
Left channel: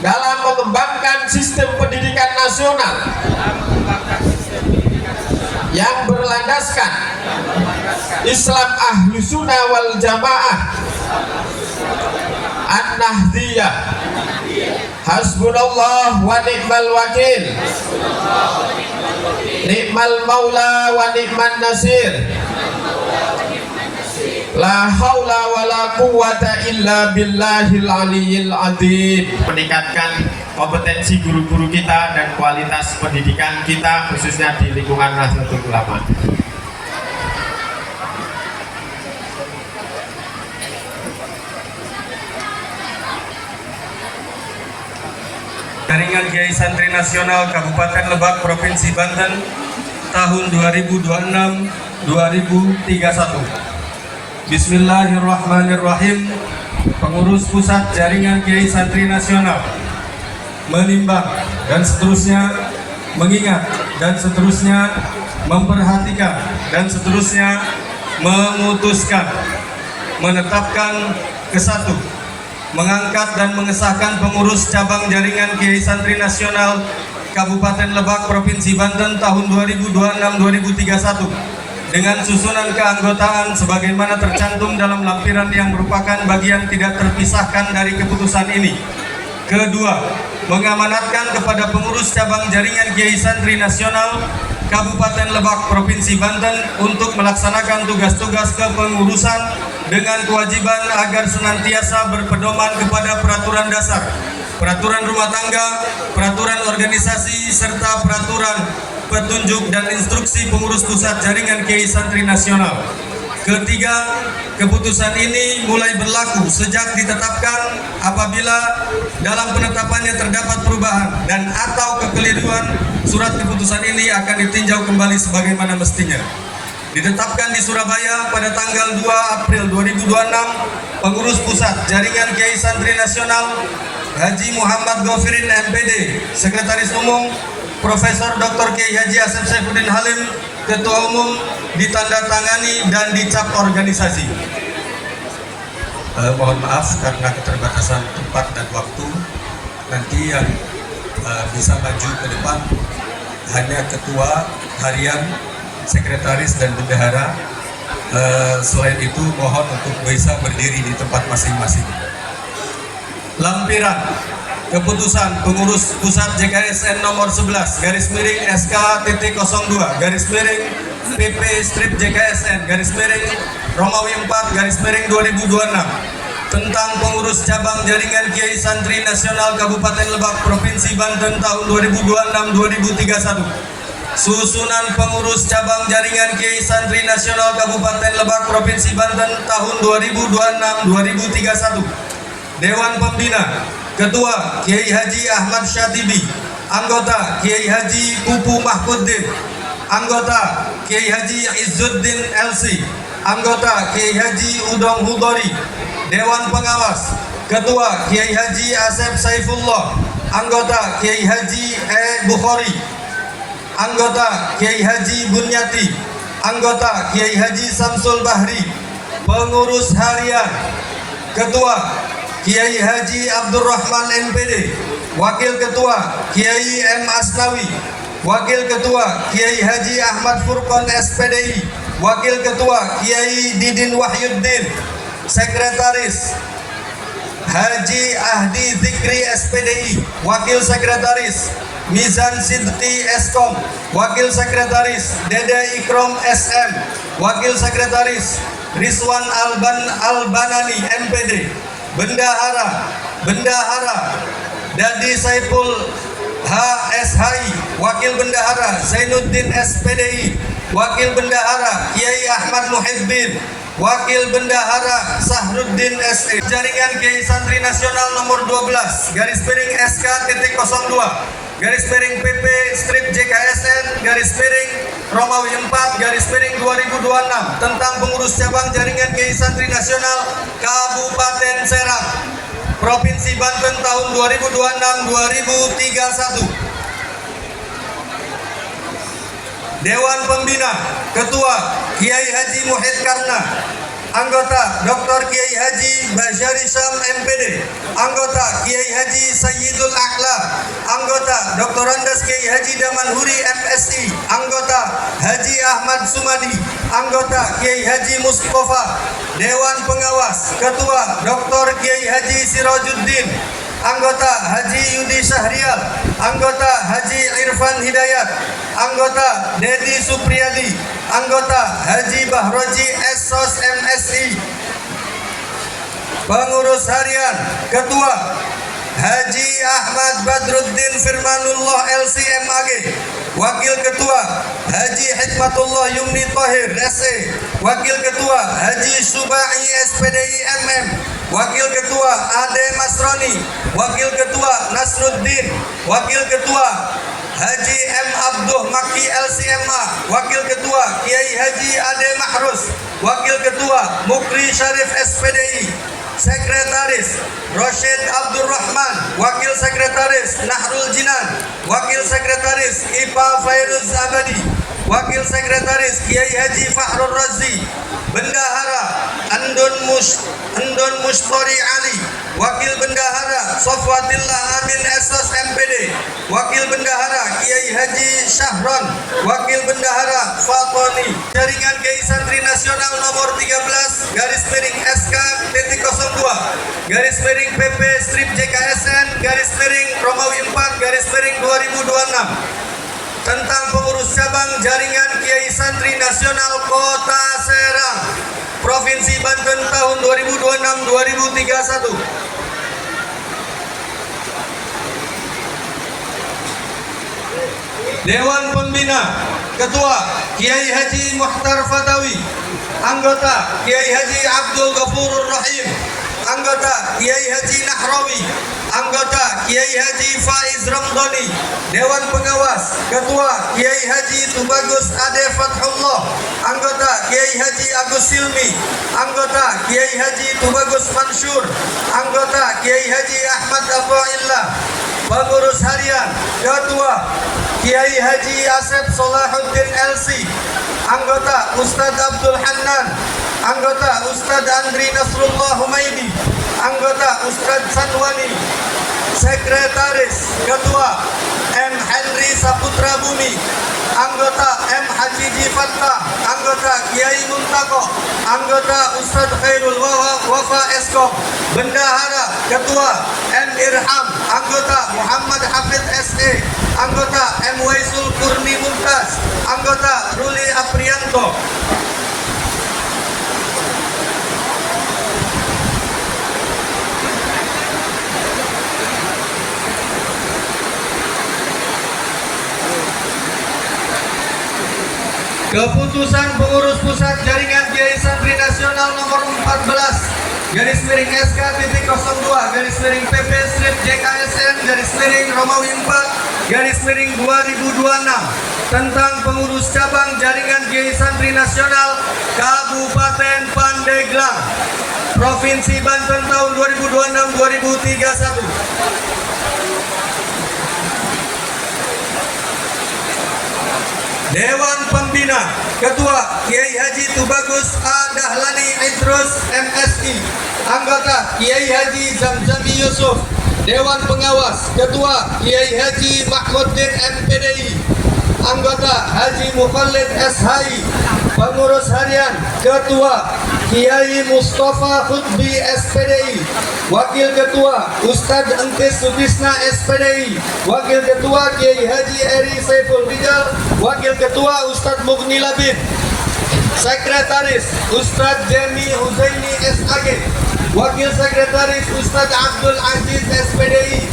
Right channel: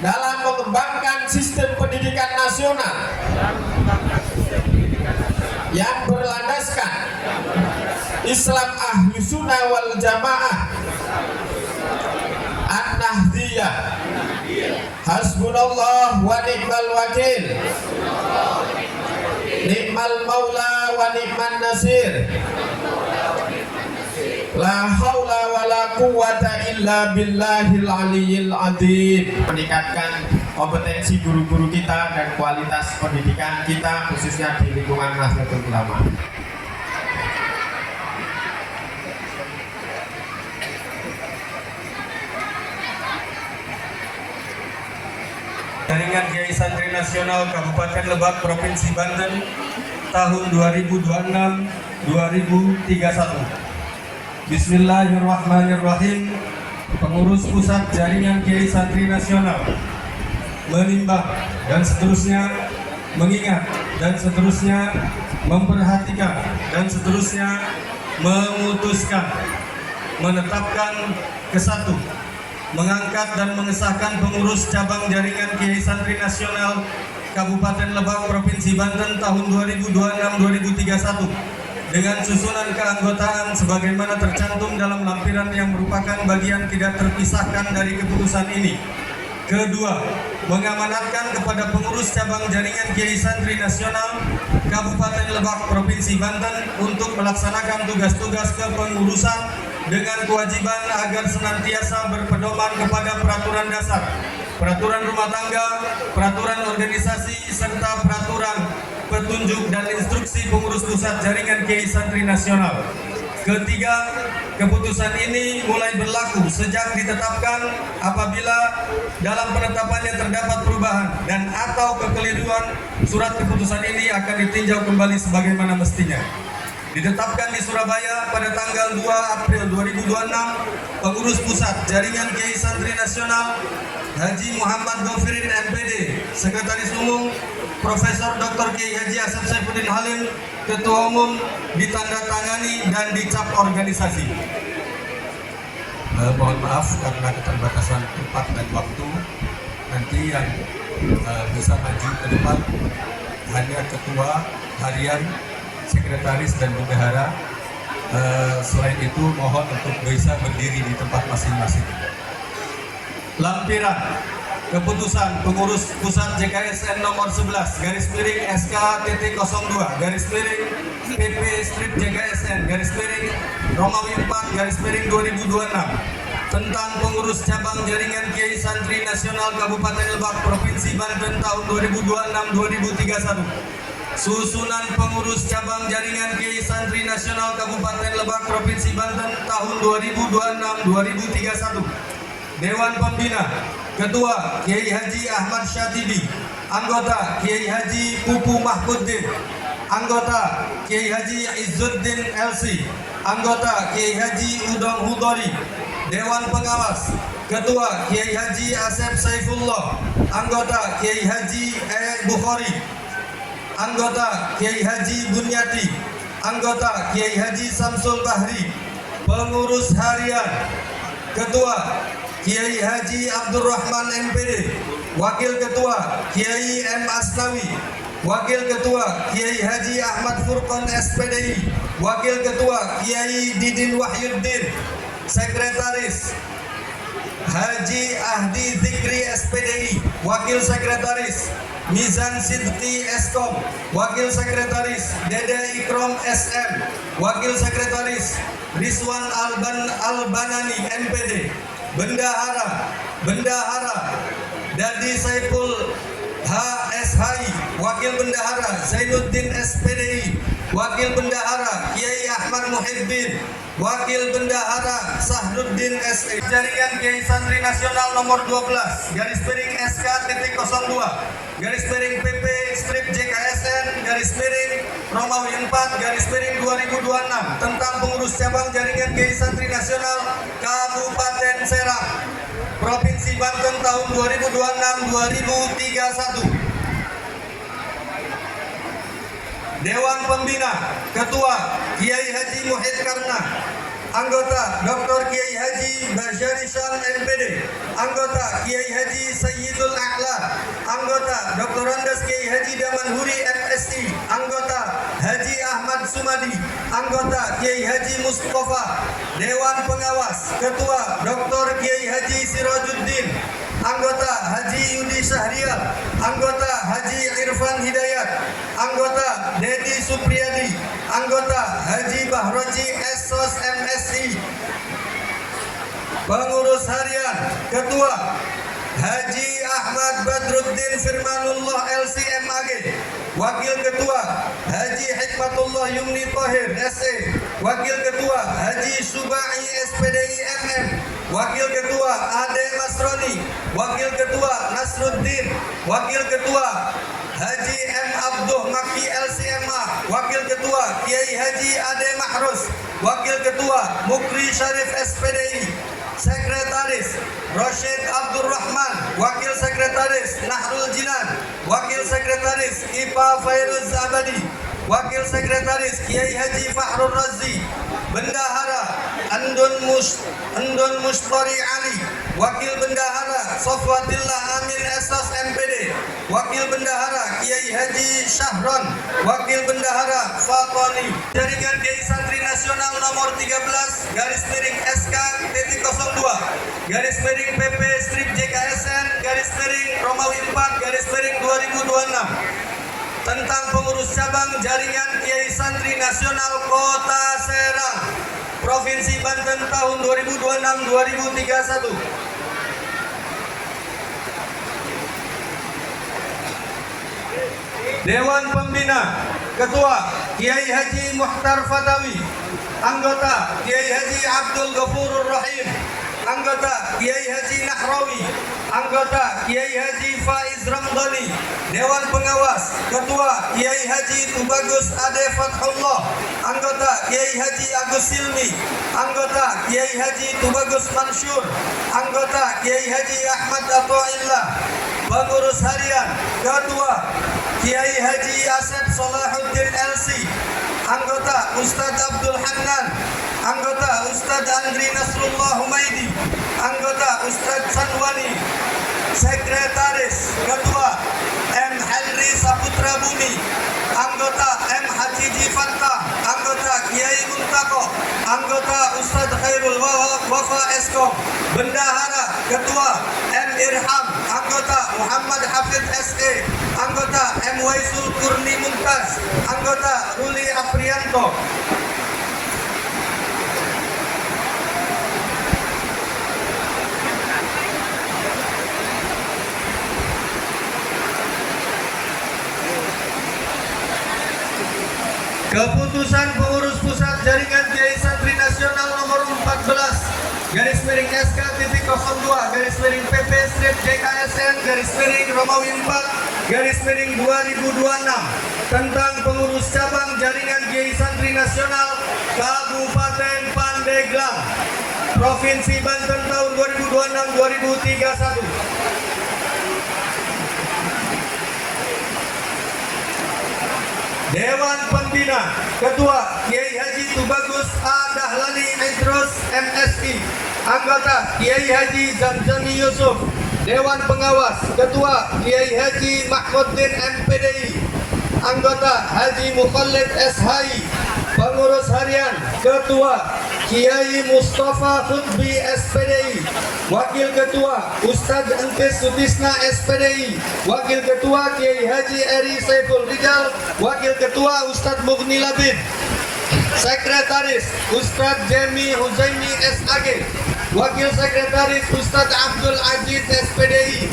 dalam mengembangkan sistem pendidikan nasional yang berlandaskan Islam Ahlus Sunnah wal Jamaah An-Nahdliyah. Hasbunallah wa ni'mal wakil, ni'mal maula wa ni'man nasir, la haula wa la quwata illa billahil aliyyil azim. Meningkatkan kompetensi guru-guru kita dan kualitas pendidikan kita khususnya di lingkungan Nahdlatul Ulama. Jaringan Kiai Santri Nasional Kabupaten Lebak Provinsi Banten tahun 2026-2031. Bismillahirrahmanirrahim. Pengurus Pusat Jaringan Kiai Santri Nasional menimbang dan seterusnya mengingat, dan seterusnya memperhatikan, dan seterusnya memutuskan, menetapkan ke-1, mengangkat dan mengesahkan pengurus cabang jaringan Kiai Santri Nasional Kabupaten Lebak Provinsi Banten tahun 2026-2031 dengan susunan keanggotaan sebagaimana tercantum dalam lampiran yang merupakan bagian tidak terpisahkan dari keputusan ini. Kedua, mengamanatkan kepada pengurus cabang jaringan Kiai Santri Nasional Kabupaten Lebak Provinsi Banten untuk melaksanakan tugas-tugas kepengurusan dengan kewajiban agar senantiasa berpedoman kepada peraturan dasar, peraturan rumah tangga, peraturan organisasi, serta peraturan petunjuk dan instruksi pengurus pusat jaringan Kiai Santri Nasional. Ketiga, keputusan ini mulai berlaku sejak ditetapkan apabila dalam penetapannya terdapat perubahan dan atau kekeliruan, surat keputusan ini akan ditinjau kembali sebagaimana mestinya. Ditetapkan di Surabaya pada tanggal 2 April 2026, pengurus pusat jaringan Kiai Santri Nasional Haji Muhammad Ghafirin MPD, Sekretaris Umum, Profesor Dr. Kiai Haji Asep Saifuddin Halim, Ketua Umum, ditandatangani dan dicap organisasi. Mohon maaf karena keterbatasan tempat dan waktu. Nanti yang bisa maju ke depan hanya ketua harian, sekretaris, dan bendahara. Selain itu mohon untuk bisa berdiri di tempat masing-masing. Lampiran keputusan pengurus pusat JKSN nomor 11 garis miring SK.02 garis miring PP strip JKSN garis miring Romawi 4 garis miring 2026 tentang pengurus cabang jaringan Kiai Santri Nasional Kabupaten Lebak Provinsi Banten tahun 2026-2031. Susunan pengurus cabang jaringan Kiai Santri Nasional Kabupaten Lebak Provinsi Banten tahun 2026-2031. Dewan Pembina, Ketua Kiai Haji Ahmad Syatibi, Anggota Kiai Haji Pupu Mahfuddin, Anggota Kiai Haji Izzuddin LC, Anggota Kiai Haji Udong Hudori. Dewan Pengawas, Ketua Kiai Haji Asep Saifullah, Anggota Kiai Haji Bukhari, Anggota Kiai Haji Bunyati, Anggota Kiai Haji Samsul Bahri. Pengurus harian, Ketua Kiai Haji Abdurrahman MPD, Wakil Ketua Kiai M. Asnawi, Wakil Ketua Kiai Haji Ahmad Furqon SPDI, Wakil Ketua Kiai Didin Wahyuddin, Sekretaris Haji Ahdi Zikri SPDI, Wakil Sekretaris Mizan Sidqi Eskom, Wakil Sekretaris Dede Ikrom SM, Wakil Sekretaris Rizwan Albanani MPD. Bendahara Dadi Saiful HSHI, Wakil Bendahara Zainuddin SPDI, Wakil Bendahara Kiai Ahmad Muhibbin, Wakil Bendahara Sahruddin SE. Jaringan Kiai Santri Nasional nomor 12 garis miring SK.02 garis miring PP strip JKSN garis miring Romawi 4 garis miring 2026 tentang pengurus cabang jaringan Kiai Santri Nasional Kabupaten Serang Provinsi Banten tahun 2026-2031. Dewan Pembina, Ketua Kiai Haji Muhid Karna, Anggota Dr. Kiai Haji Basyari Syam MPD, Anggota Kiai Haji Sayyidul A'la, Anggota Dr. Andas Kiai Haji Damanhuri MSI, Anggota Haji Ahmad Sumadi, Anggota Kiai Haji Mustafa. Dewan Pengawas, Ketua Dr. Kiai Haji Sirajuddin, Anggota Haji Yudi Syahrial, Anggota Haji Irfan Hidayat, Anggota Dedi Supriyadi, Anggota Haji Bahroji SOS MSI. Pengurus harian, Ketua Haji Ahmad Badruddin Firmanullah LCMAG, Wakil Ketua Haji Hikmatullah Yumni Tohir SE, Wakil Ketua Haji Subai SPDI MM, Wakil Ketua Ade Masroni, Wakil Ketua Nasruddin, Wakil Ketua Haji M. Abduh Maki LCMA, Wakil Ketua Kiai Haji Ade Mahrus, Wakil Ketua Mukri Syarif SPDI. Sekretaris Rosyid Abdurrahman. Wakil Sekretaris Nahrul Jinan. Wakil Sekretaris IPA Fairuz Abadi. Wakil Sekretaris Kiai Haji Fahrul Razi. Bendahara Andon Mustori Ali. Wakil Bendahara Sofwatillah Amin SS MPD. Wakil Bendahara Kiai Haji Syahron. Wakil Bendahara Fatoni. Jaringan Kiai Santri Nasional nomor 13 garis miring SK titik 02 garis miring PP strip JKSN garis miring Romawi 4 garis miring 2026 tentang pengurus cabang jaringan Kiai Santri Nasional Kota Serang Provinsi Banten tahun 2026-2031. Dewan Pembina Ketua Kiai Haji Muhtar Fatawi. Anggota Kiai Haji Abdul Ghafurur Rahim. Anggota Kiai Haji Nahrawi. Anggota Kiai Haji Faiz Ramdhani. Dewan Pengawas Ketua Kiai Haji Tubagus Ade Fathullah. Anggota Kiai Haji Agus Silmi. Anggota Kiai Haji Tubagus Mansur. Anggota Kiai Haji Ahmad Afaillah. Pengurus Harian Ketua Kiai Haji Asep Solahuddin LC. Anggota Ustadz Abdul Hannan. Anggota Ustadz Andri Nasrullah Humaidi. Anggota Ustadz Sanwani. Sekretaris Ketua M. Henry Saputra Bumi. Anggota M. Haji Fattah. Anggota Kiai Muntako. Anggota Ustadz Khairul Wafa Eskom. Bendahara Ketua M. Irham. Anggota Muhammad Hafid SE. Anggota M. Waisul Kurni Mumtaz. Anggota Ruli Aprianto. Keputusan pengurus pusat jaringan Kiai Santri Nasional nomor 14 garis miring SK titik 02 garis miring PP strip JKSN garis miring Romawi 4 garis miring 2026 tentang pengurus cabang jaringan Kiai Santri Nasional Kabupaten Pandeglang Provinsi Banten tahun 2026-2031. Dewan Pembina Ketua Kiai Haji Tubagus A. Dahlani Idrus MSI. Anggota Kiai Haji Zamzami Yusuf. Dewan Pengawas Ketua Kiai Haji Mahmuddin MPDI. Anggota Haji Mukallid SHI. Pengurus Harian Ketua Kiai Mustafa Khutbi SPDI. Wakil Ketua Ustadz Entis Sutisna SPDI. Wakil Ketua Kiai Haji Eri Saiful Rijal. Wakil Ketua Ustadz Mughni Labid. Sekretaris Ustadz Jami Huzaini SAG. Wakil Sekretaris Ustadz Abdul Aziz SPDI.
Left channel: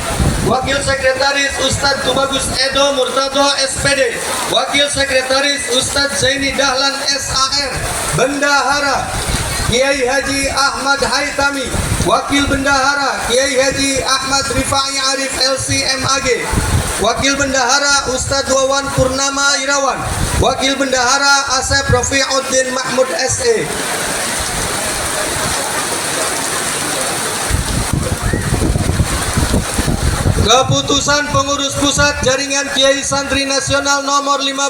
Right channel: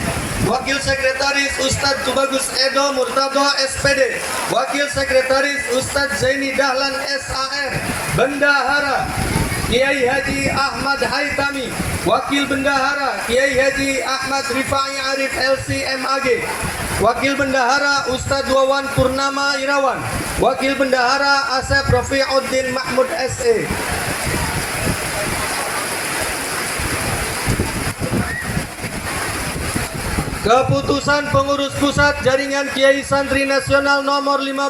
Wakil Sekretaris Ustadz Tubagus Edo Murtado SPD. Wakil Sekretaris Ustadz Zaini Dahlan SAR. Bendahara Kiai Haji Ahmad Haitami. Wakil Bendahara Kiai Haji Ahmad Rifai Arif LC MAG. Wakil Bendahara Ustadz Wawan Purnama Irawan. Wakil Bendahara Asep Rafiuddin Mahmud SE. Keputusan pengurus pusat jaringan Kiai Santri Nasional nomor 15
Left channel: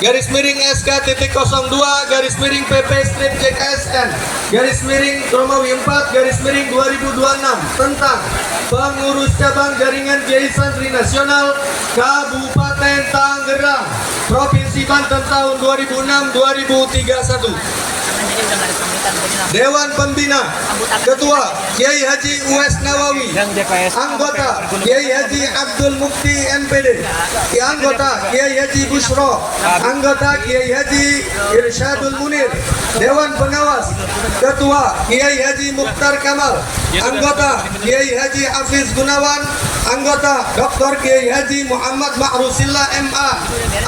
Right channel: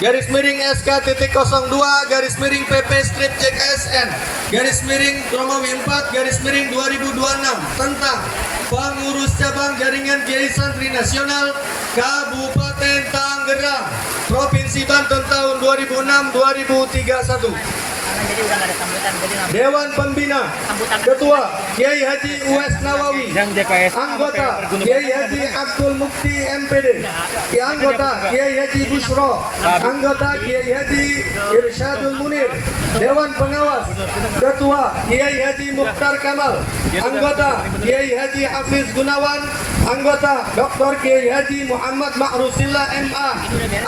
garis miring SK titik 02 garis miring PP strip JKSN garis miring Romawi 4 garis miring 2026 tentang pengurus cabang jaringan Kiai Santri Nasional Kabupaten Tangerang Provinsi Banten tahun 2006-2031. Dewan Pembina Ketua Kiai Haji Uwais Nawawi. Anggota Kiai Haji Abdul Mukti MPD. Anggota Kiai Haji Bushro. Anggota Kiai Haji Irsyadul Munir. Dewan Pengawas Ketua Kiai Haji Mukhtar Kamal. Anggota Kiai Haji Hafiz Gunawan. Anggota Dr. Kiai Haji Muhammad Ma'rusillah MA.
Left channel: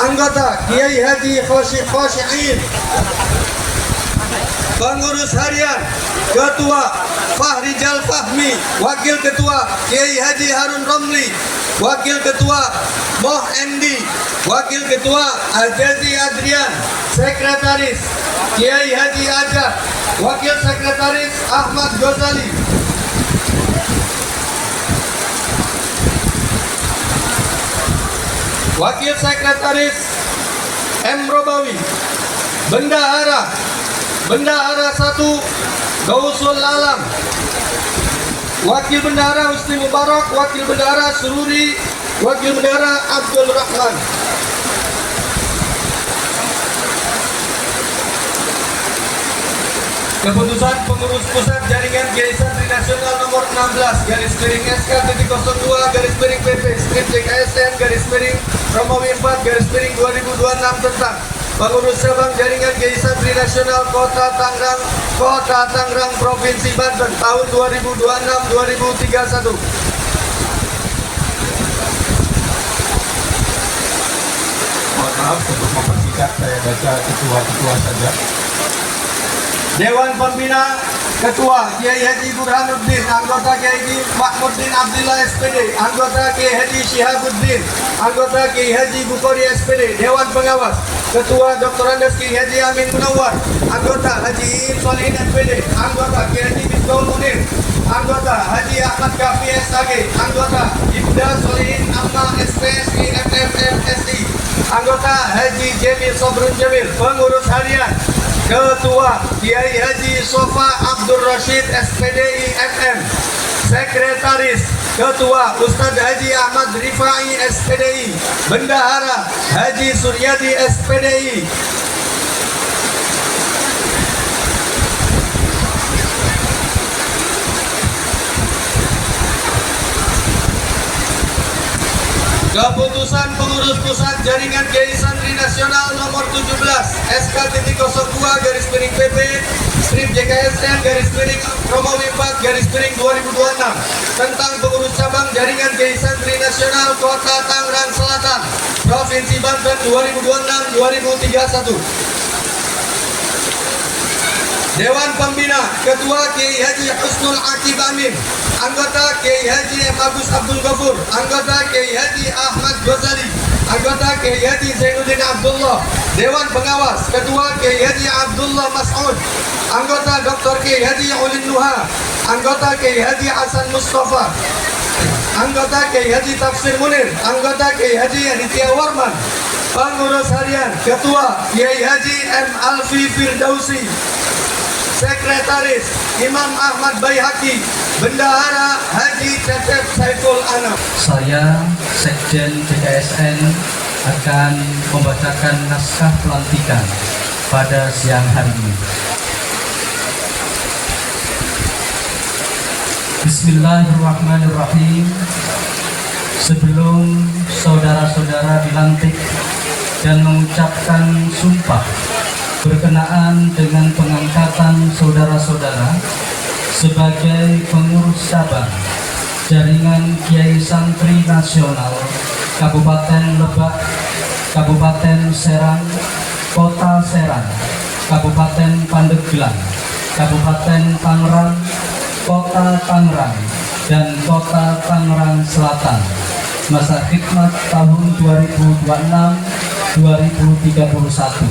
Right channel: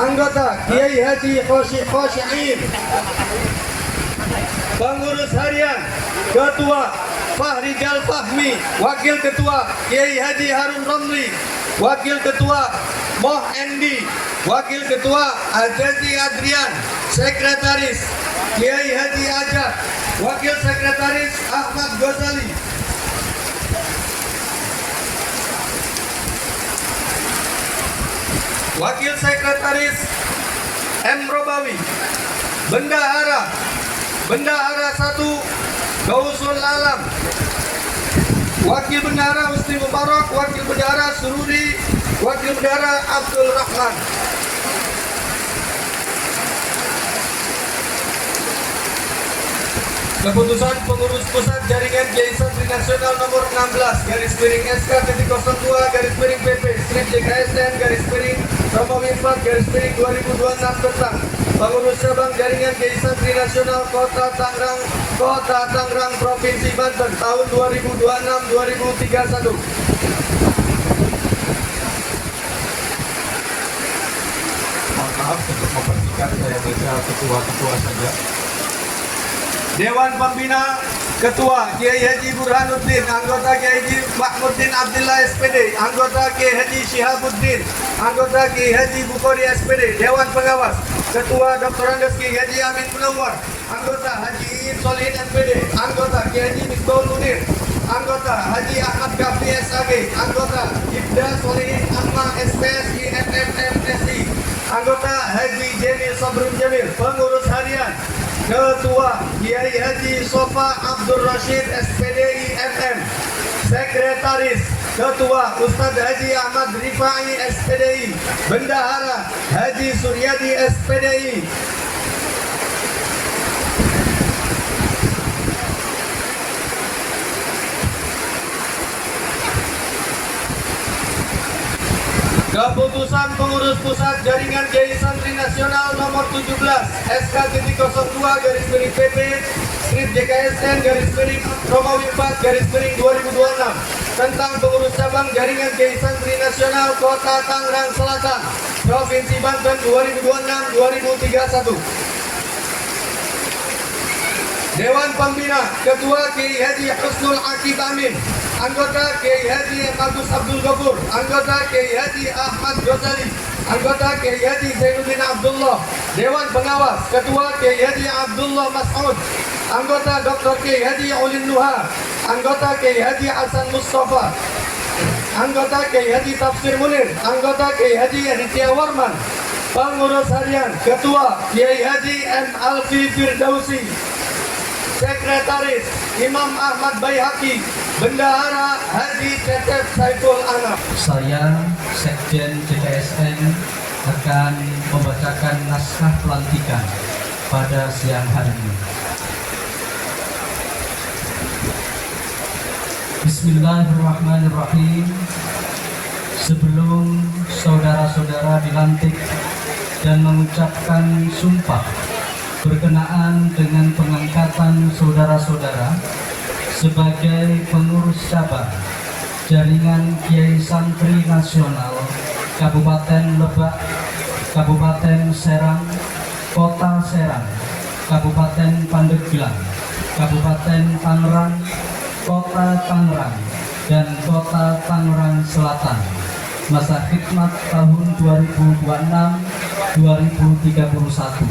Anggota Kiai Haji Khosyi'in. Pengurus Harian Ketua Fahrijal Fahmi. Wakil Ketua Kiai Haji Harun Romli. Wakil Ketua Moh Endi. Wakil Ketua Ajazi Adrian. Sekretaris Kiai Haji Ajat, Wakil Sekretaris Ahmad Ghazali. Wakil Sekretaris M. Robawi. Bendahara 1 Gausul Alam. Wakil Bendahara Husni Mubarak, Wakil Bendahara Sururi, Wakil Bendahara Abdul Rahman. Keputusan Pengurus Pusat Jaringan Kiai Santri Nasional nomor 16 /SK.02/PP strip JKSN Romawi 4 2026 tentang Pengurus Cabang Jaringan Kiai Santri Nasional Kota Tangerang Provinsi Banten tahun 2026-2031. Mohon maaf untuk memastikan saya baca ketua-ketua saja. Dewan Pembina Ketua Kiai Haji Burhanuddin, anggota Kiai Haji Mahmuddin Abdillah SPD, anggota Kiai Haji Syihabuddin, anggota Kiai Haji Bukhari SPD. Dewan Pengawas Ketua Dr. Andes Kiai Haji Amin Munawar, anggota Haji Solihin SPD, anggota Kiai Haji Misbahul Munir, anggota Haji Ahmad Kafi SAG, anggota Ibda Solihin Amma SPSI MMMSI, anggota Haji Jamil Sobrun Jamil. Pengurus harian Ketua Kiai Haji Sofa Abdul Rashid SPDI MM. Sekretaris Ketua Ustadz Haji Ahmad Rifai SPDI. Bendahara Haji Suryadi SPDI. Keputusan Pengurus Pusat Jaringan Kiai Santri Nasional nomor 17 SK.02/PP strip JKSN Romawi 4 2026 tentang Pengurus Cabang Jaringan Kiai Santri Nasional Kota Tangerang Selatan Provinsi Banten 2026-2031. Dewan Pembina Ketua Kiai Haji Husnul Aqib Amin, anggota Kiai Haji Agus Abdul Ghafur, anggota Kiai Haji Ahmad Ghazali, anggota Kiai Haji Zainuddin Abdullah. Dewan Pengawas Ketua Kiai Haji Abdullah Mas'ud, anggota Dr. Kiai Haji Ulin Nuha, anggota Kiai Haji Hasan Mustafa, anggota Kiai Haji Tafsir Munir, anggota Kiai Haji Aditya Warman. Pengurus harian Ketua Kiai Haji M. Alfi Firdausi, Sekretaris Imam Ahmad Baihaqi, Bendahara Haji Cecep Saiful Anam. Saya, Sekjen JKSN, akan membacakan naskah pelantikan pada siang hari ini. Bismillahirrahmanirrahim. Sebelum saudara-saudara dilantik dan mengucapkan sumpah berkenaan dengan pengangkatan saudara-saudara sebagai pengurus cabang Jaringan Kiai Santri Nasional Kabupaten Lebak, Kabupaten Serang, Kota Serang, Kabupaten Pandeglang, Kabupaten Tangerang, Kota Tangerang, dan Kota Tangerang Selatan masa khidmat tahun 2026-2031.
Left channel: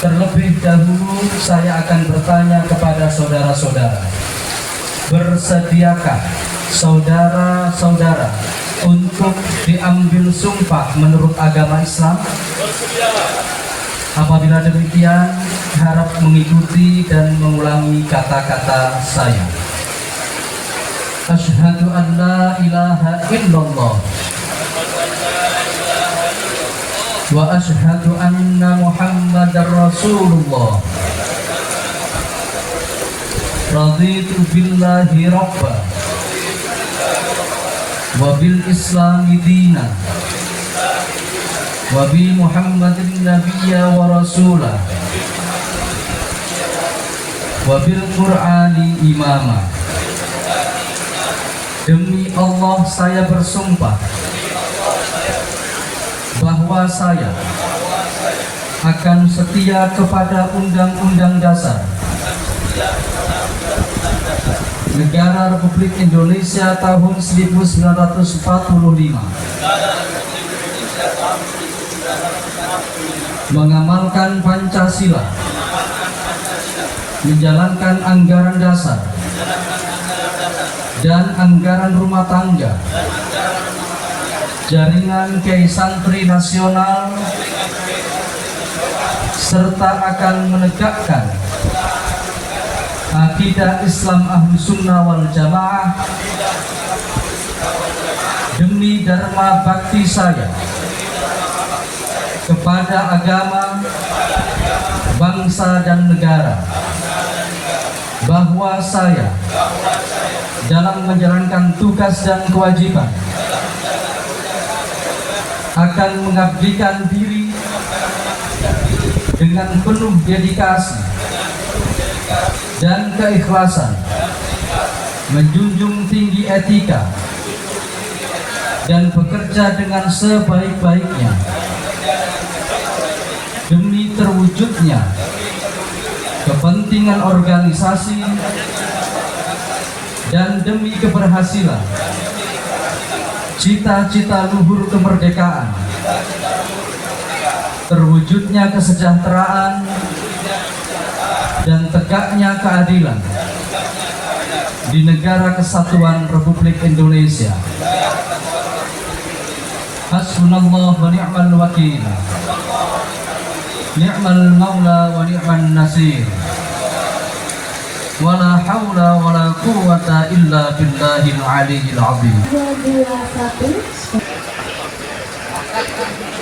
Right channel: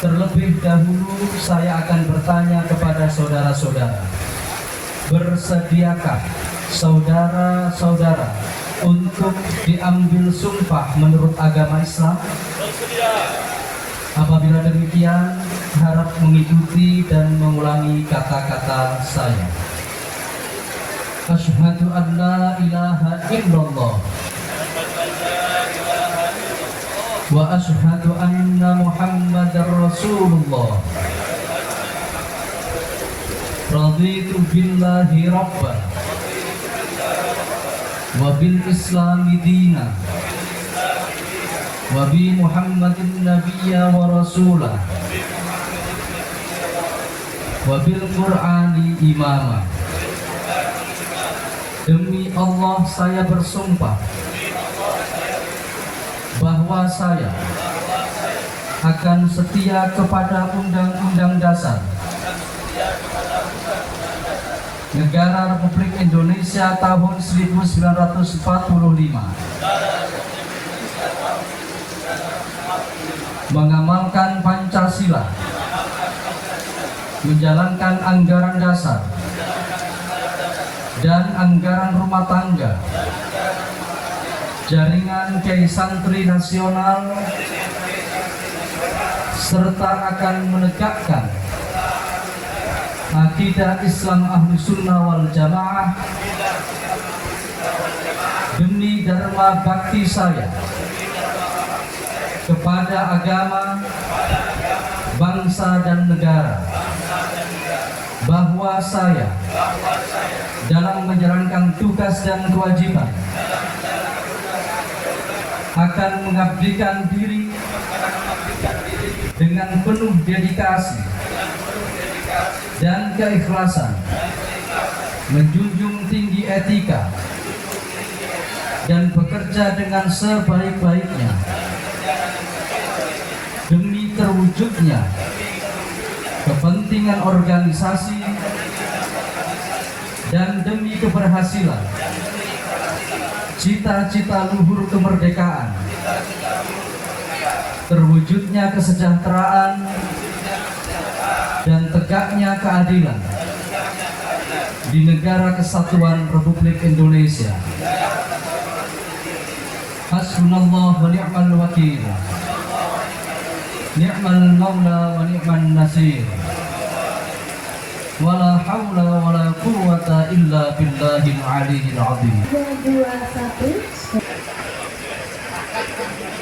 Terlebih dahulu saya akan bertanya kepada saudara-saudara, bersediakah saudara-saudara untuk diambil sumpah menurut agama Islam? Apabila demikian, harap mengikuti dan mengulangi kata-kata saya. Asyhadu an la ilaha illallah wa asyhadu anna Muhammadar Rasulullah. Raditu billahi rabba wa bil islami dina wa bi Muhammadin nabiyya wa rasulah wa bil Qur'ani imama. Demi Allah saya bersumpah bahwa saya akan setia kepada Undang-Undang Dasar Negara Republik Indonesia tahun 1945, mengamalkan Pancasila menjalankan anggaran dasar dan anggaran rumah tangga jaringan Kiai Santri Nasional, serta akan menegakkan akidah Islam Ahlus Sunnah wal Jamaah demi dharma bakti saya kepada agama, bangsa dan negara, bahwa saya dalam menjalankan tugas dan kewajiban akan mengabdikan diri dengan penuh dedikasi dan keikhlasan, menjunjung tinggi etika dan bekerja dengan sebaik-baiknya demi terwujudnya kepentingan organisasi dan demi keberhasilan cita-cita luhur kemerdekaan, terwujudnya kesejahteraan dan tegaknya keadilan di Negara Kesatuan Republik Indonesia. Hasbunallah wa ni'mal wakil, ni'mal maula wa ni'man nasir, wala haula wala quwwata illa billahil aliyyil azim. 221